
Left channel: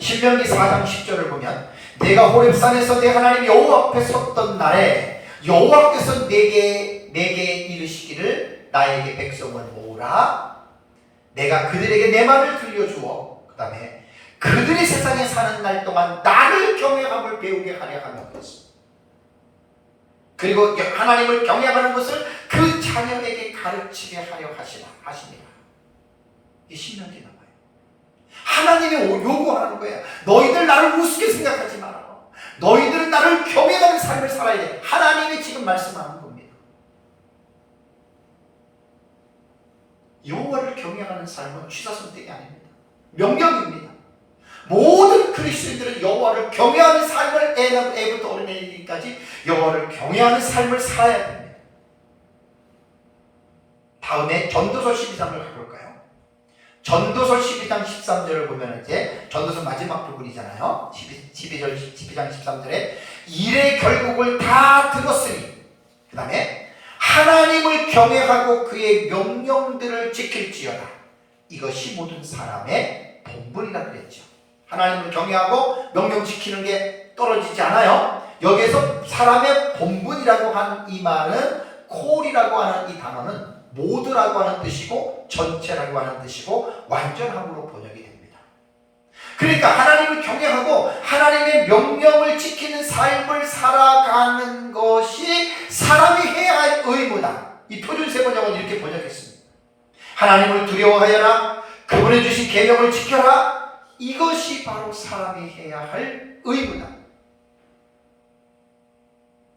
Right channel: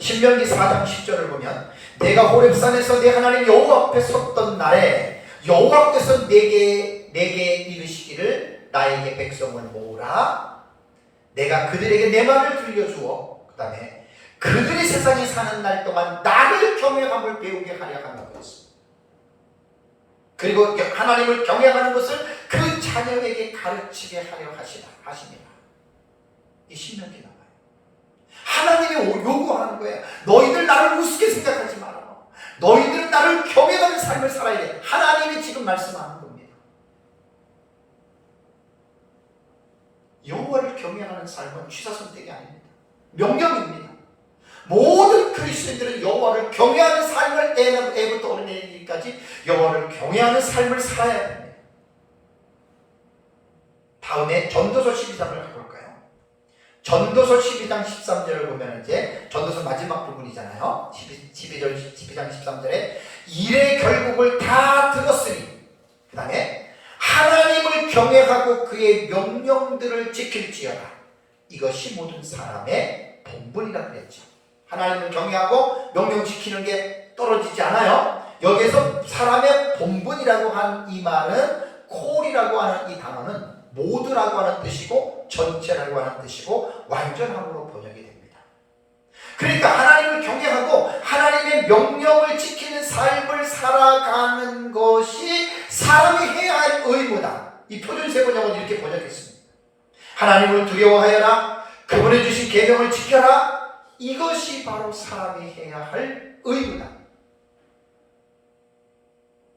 신명기 4장 10절을 보면 내가 호렙산에서 내 하나님 여호와 앞에 섰던 날에 여호와께서 내게 이르시기를 나에게 백성을 모으라. 내가 그들에게 내 말을 들려주어 그 다음에 그들이 세상에 사는 날 동안 나를 경외함을 배우게 하려 하며 그랬습니다. 그리고 하나님을 경외하는 것을 그 자녀에게 가르치게 하려 하시니라. 이 신명기 나와요. 하나님이 요구하는 거예요. 너희들 나를 우습게 생각하지 마라. 너희들은 나를 경외하는 삶을 살아야 돼. 하나님이 지금 말씀하는 겁니다. 여호와를 경외하는 삶은 취사선택이 아닙니다. 명령입니다. 모든 그리스도인들은 여호와를 경외하는 삶을 애부터 어린이까지 여호와를 경외하는 삶을 살아야 됩니다. 다음에 전도서 12장을 가볼까요? 전도서 12장 13절을 보면 이제 전도서 마지막 부분이잖아요. 12장 13절에 일의 결국을 다 들었으니 그 다음에 하나님을 경외하고 그의 명령들을 지킬지어다. 이것이 모든 사람의 본분이라 그랬죠. 하나님을 경외하고 명령 지키는 게 떨어지지 않아요. 여기에서 사람의 본분이라고 하는 이 말은 콜이라고 하는 이 단어는 모두라고 하는 뜻이고 전체라고 하는 뜻이고 완전함으로 번역이 됩니다. 그러니까 하나님을 경외하고 하나님의 명령을 지키는 삶을 살아가는 것이 사람이 해야 할 의무다. 이 표준세 번역은 이렇게 번역했습니다. 하나님을 두려워하여라. 그분이 주신 계명을 지켜라. 이것이 바로 사람이 해야 할 의무다.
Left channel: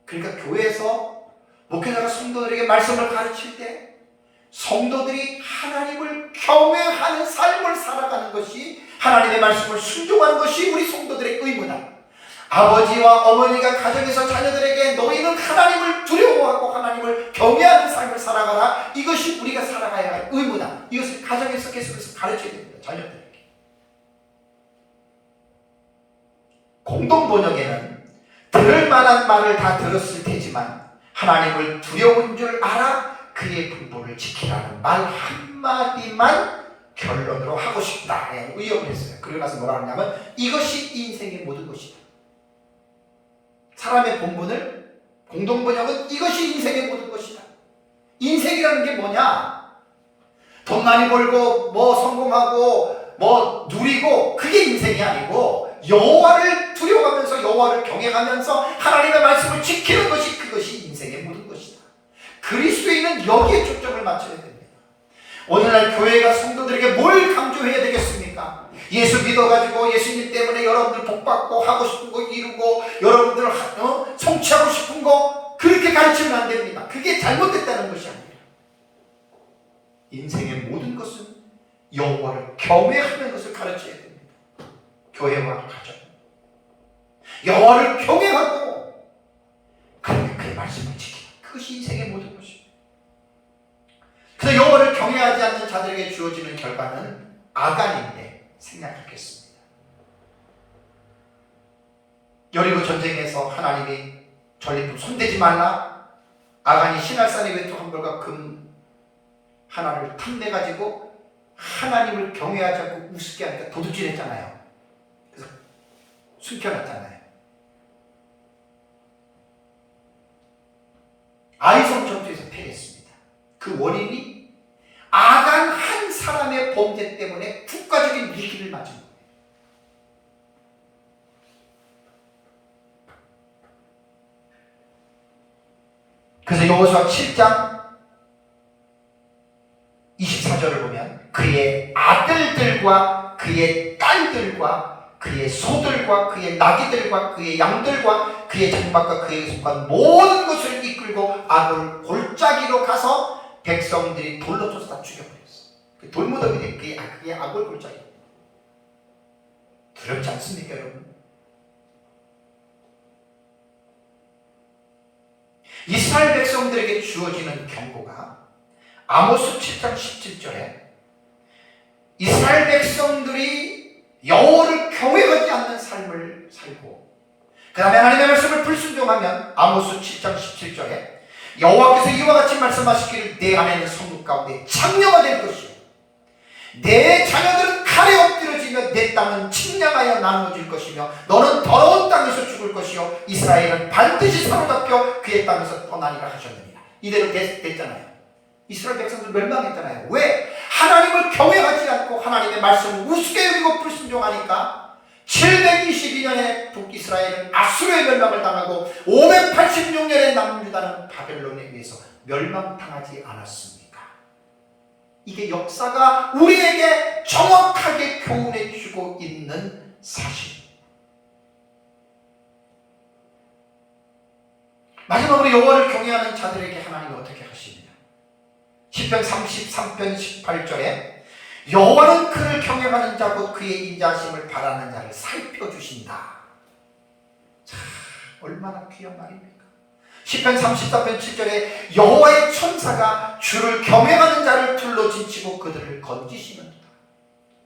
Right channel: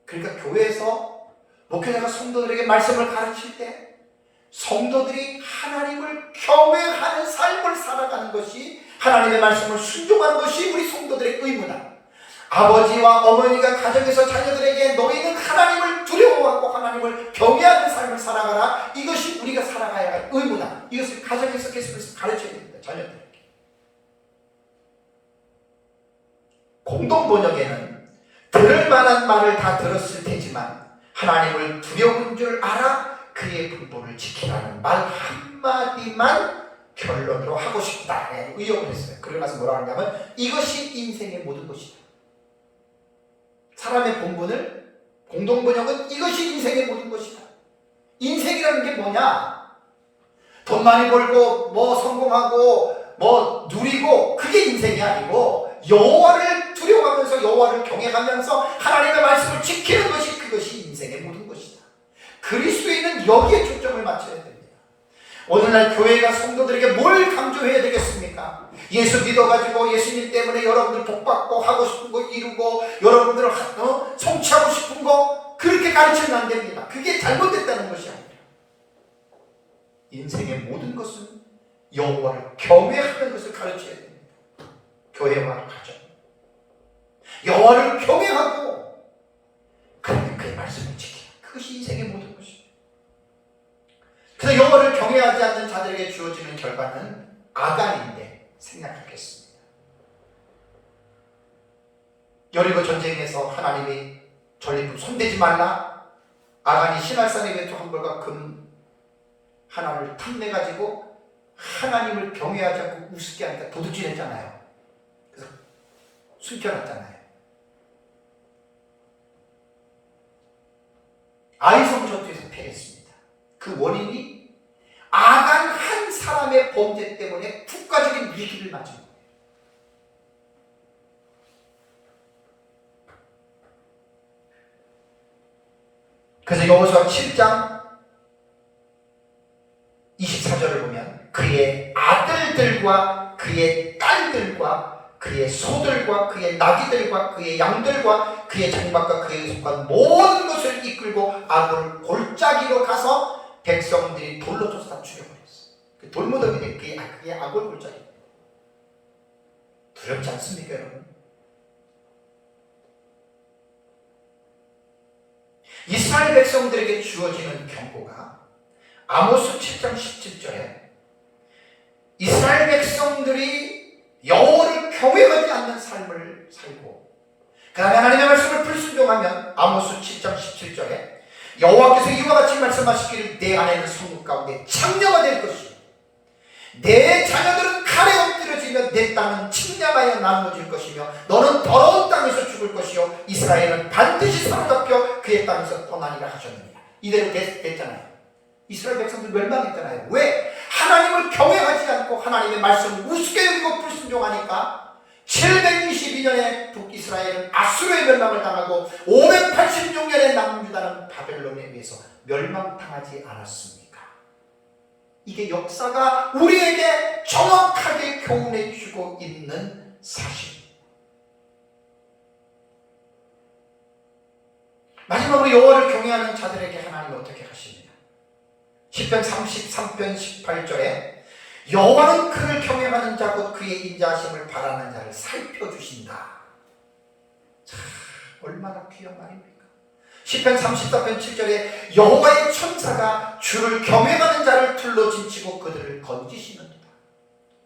그러니까 교회에서 목회자가 성도들에게 말씀을 가르칠 때 성도들이 하나님을 경외하는 삶을 살아가는 것이, 하나님의 말씀을 순종하는 것이 우리 성도들의 의무다. 아버지와 어머니가 가정에서 자녀들에게 너희는 하나님을 두려워하고 하나님을 경외하는 삶을 살아가라. 이것이 우리가 살아가야 할 의무다. 이것을 가정에서 계속해서 가르쳐야 됩니다. 자녀들에게. 공동 번역에는 들을 만한 말을 다 들었을 테지만 하나님을 두려운 줄 알아 그의 분부를 지키라는 말 한마디만 결론으로 하고 싶다. 의역을 했어요. 그러고 나서 뭐라 하냐면 이것이 인생의 모든 것이다. 사람의 본분을 공동번역은 이것이 인생의 모든 것이다. 인생이라는 게 뭐냐? 돈 많이 벌고 뭐 성공하고 뭐 누리고 그게 인생이 아니고 여호와를 두려워하면서 여호와를 경외하면서 하나님의 말씀을 지키는 것이, 그것이 인생의 모든 것이다. 그리스도인은 여기에 초점을 맞춰야 됩니다. 오늘날 교회가 성도들에게 뭘 강조해야 되겠습니까? 예수 믿어가지고 예수님 때문에 여러분들 복받고 하고 싶은 거 이루고 여러분들 성취하고 싶은 거 그렇게 가르치면 안 됩니다. 그게 잘못됐다는 것이 아니라 인생의 모든 것은 여호와를 경외하는 것을 가르쳐야 됩니다. 교회와 가정, 여호와를 경외하고 그의 말씀을 지키라. 그것이 인생의 모든 것입니다. 그래서 여호와를 경외하지 않는 자들에게 주어지는 결과는 아간인데 생략하겠습니다. 여리고 전쟁에서 하나님이 전리품 손대지 말라. 아간이 신할산의 외투 한 벌과 금 하나를 탐내가지고 하나님을 경외하지 않고 우습게 하니까 도둑질했잖아요. 그래서 숨겨놨잖아요. 아이성 전투에서 패했습니다. 그 원인이 아간 한 사람의 범죄 때문에 국가적인 위기를 맞은 거예요. 그래서 여호수아 7장 24절을 보면 그의 아들들과 그의 딸들과 그의 소들과 그의 나귀들과 그의 양들과 그의 장막과 그의 속한 모든 것을 이끌고 아골 골짜기로 가서 백성들이 돌로 쳐서 다 죽여버렸어요. 그 돌무덤이 된 그게 아골 골짜기. 두렵지 않습니까, 여러분? 이스라엘 백성들에게 주어지는 경고가 아모스 7장 17절에 이스라엘 백성들이 여호와를 경외하지 않는 삶을 살고 그 다음에 하나님의 말씀을 불순종하면 아모스 7장 17절에 여호와께서 이와 같이 말씀하시기를 내 안에는 성읍 가운데 창녀가 될 것이요 내 자녀들은 칼에 엎드려지며 내 땅은 측량하여 나누어질 것이며 너는 더러운 땅에서 죽을 것이요 이스라엘은 반드시 사로잡혀 그의 땅에서 떠나리라 하셨느니라. 이대로 됐잖아요. 이스라엘 백성들 멸망했잖아요. 왜? 하나님을 경외하지 않고 하나님의 말씀을 우습게 여기고 불순종하니까 722년에 북이스라엘은 아수르의 멸망을 당하고 586년에 남유다는 바벨론에 의해서 멸망당하지 않았습니까? 이게 역사가 우리에게 정확하게 교훈해 주고 있는 사실입니다. 마지막으로 여호와를 경외하는 자들에게 하나님이 어떻게 하십니다? 시편 33편 18절에 여호와는 그를 경외하는 자 곧 그의 인자하심을 바라는 자를 살펴주신다. 자, 얼마나 귀한 말입니까? 시편 34편 7절에 여호와의 천사가 주를 경외하는 자를 둘러 진치고 그들을 건지시는도다.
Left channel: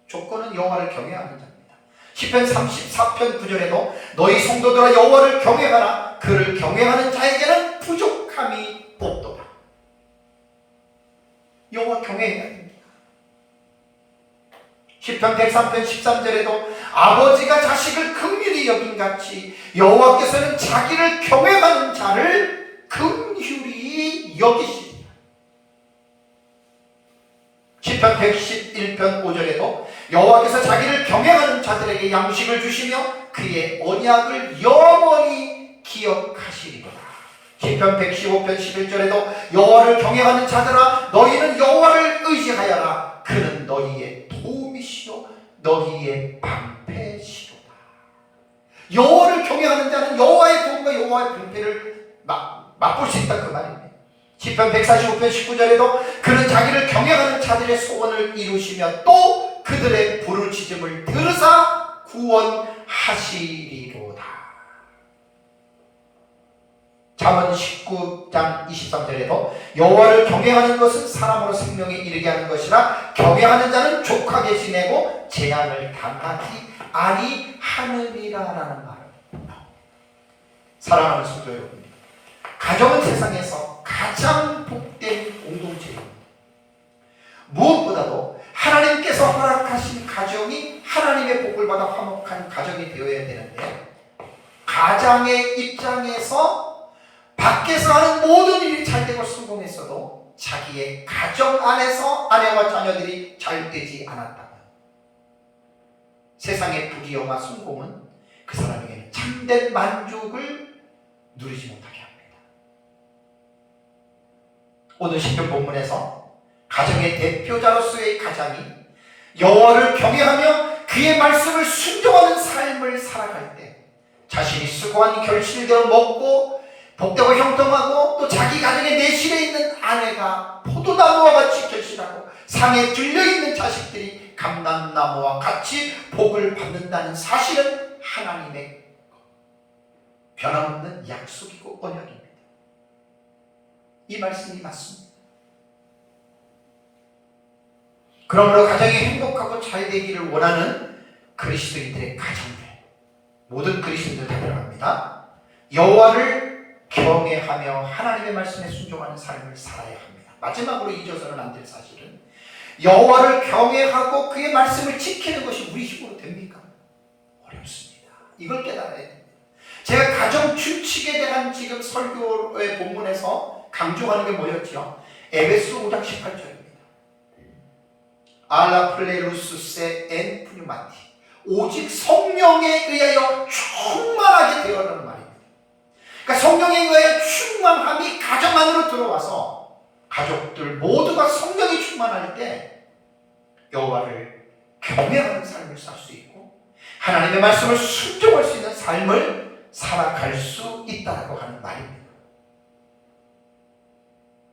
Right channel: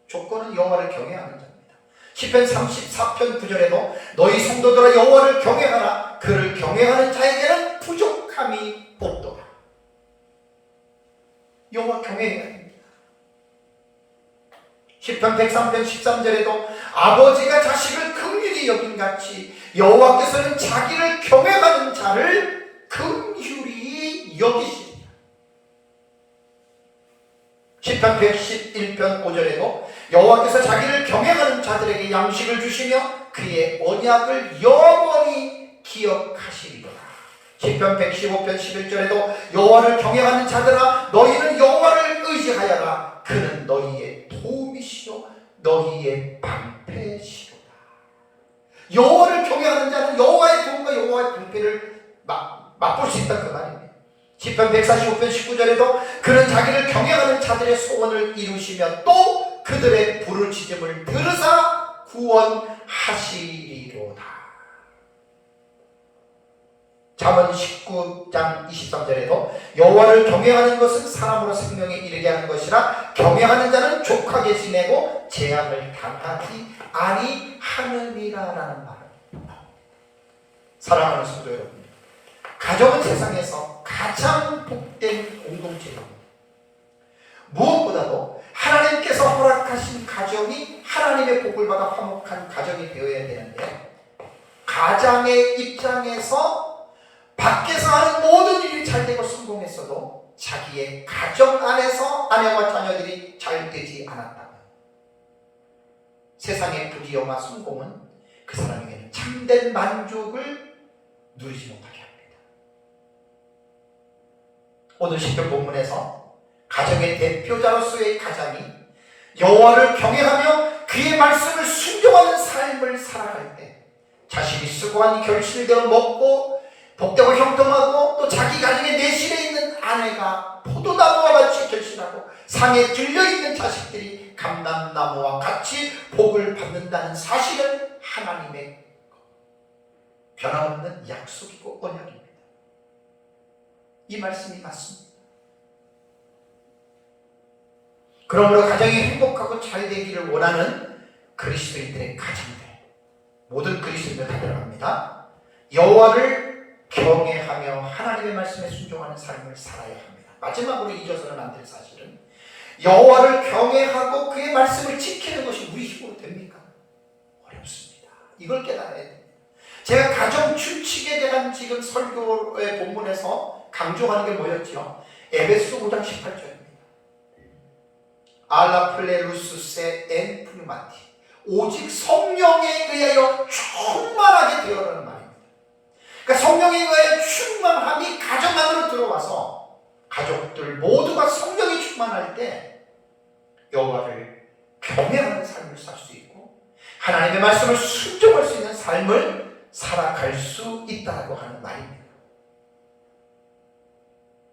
조건은 여호와를 경외하는 자입니다. 시편 34편 9절에도 너희 성도들아 여호와를 경외하라. 그를 경외하는 자에게는 부족함이 없도다. 여호와 경외해야 합니다. 시편 103편 13절에도 아버지가 자식을 긍휼히 여김같이 여호와께서는 자기를 경외하는 자를 긍휼히 여기십니다. 시편 111편 5절에도 여호와께서 자기를 경외하는 자들에게 양식을 주시며 그의 언약을 영원히 기억하시리로다. 시편 115편 11절에도 여호와를 경외하는 자들아 너희는 여호와를 의지하여라. 그는 너희의 도움이시요 너희의 방패시로다. 여호와를 경외하는 자는 여호와의 도움과 여호와의 방패를 맛볼 수 있다 그 말입니다. 시편 145편 19절에도 그는 자기를 경외하는 자들의 소원을 이루시며 또 그들의 부르짖음을 들으사 구원하시리로다. 잠언 19장 23절에도 여호와를 경외하는 것은 사람으로 생명에 이르게 하는 것이라 경외하는 자는 족하게 지내고 재앙을 당하지 아니하느니라라는 말을 나옵니다. 사랑하는 성도 여러분, 가정은 세상에서 가장 복된 공동체입니다. 무엇보다도 하나님께서 허락하신 가정이 하나님의 복을 받아 화목한 가정이 되어야 되는데 가장의 입장에서 밖에서 하는 모든 일이 잘 되고 성공했어도 자기의 가정 안에서 아내와 자녀들이 잘 되지 않았다면 세상의 부귀영화 성공은 그 사람에게는 참된 만족을 누리지 못하게 합니다. 오늘 시편 본문에서 가정의 대표자로서의 가장이 여호와를 경외하며 그의 말씀을 순종하는 삶을 살아갈 때 자신이 수고한 결실되어 먹고 복되고 형통하고 또 자기 가정의 내실에 있는 아내가 포도나무와 같이 결실하고 상에 들려있는 자식들이 감람나무와 같이 복을 받는다는 사실은 하나님의 변함없는 약속이고 언약입니다. 이 말씀이 맞습니다. 그러므로 가정이 행복하고 잘 되기를 원하는 그리스도인들의 가정들, 모든 그리스도인들 다 들어갑니다. 여호와를 경외하며 하나님의 말씀에 순종하는 삶을 살아야 합니다. 마지막으로 잊어서는 안 될 사실은 여호와를 경외하고 그의 말씀을 지키는 것이 우리 힘으로 됩니까? 어렵습니다. 이걸 깨달아야 됩니다. 제가 가정 규칙에 대한 지금 설교의 본문에서 강조하는 게 뭐였죠? 에베소 5장 18절입니다. 알라 플레루스세 엔 푸뉴마티 오직 성령에 의하여 충만하게 되어라는 말입니다. 그러니까 성령에 의하여 충만함이 가정 안으로 들어와서 가족들 모두가 성령이 충만할 때 여호와를 경외하는 삶을 살 수 있고 하나님의 말씀을 순종할 수 있는 삶을 살아갈 수 있다고 하는 말입니다.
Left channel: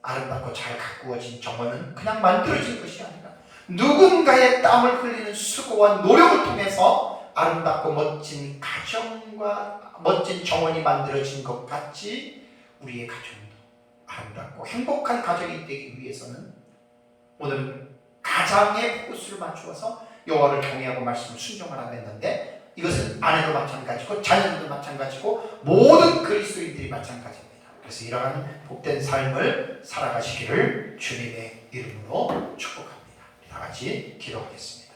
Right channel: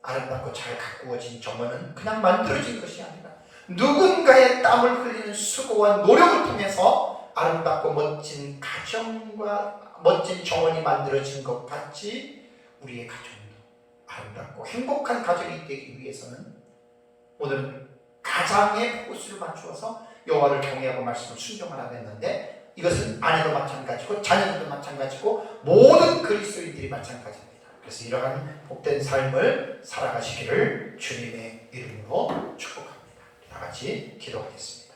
아름답고 잘 가꾸어진 정원은 그냥 만들어진 것이 아니라 누군가의 땀을 흘리는 수고와 노력을 통해서 아름답고 멋진 가정과 멋진 정원이 만들어진 것 같이 우리의 가정도 아름답고 행복한 가정이 되기 위해서는 오늘 가장의 포커스를 맞추어서 여호와를 경외하고 말씀을 순종하라고 했는데 이것은 아내도 마찬가지고 자녀들도 마찬가지고 모든 그리스도인들이 마찬가지입니다. 그래서 이러한 복된 삶을 살아가시기를 주님의 이름으로 축복합니다. 다 같이 기도하겠습니다.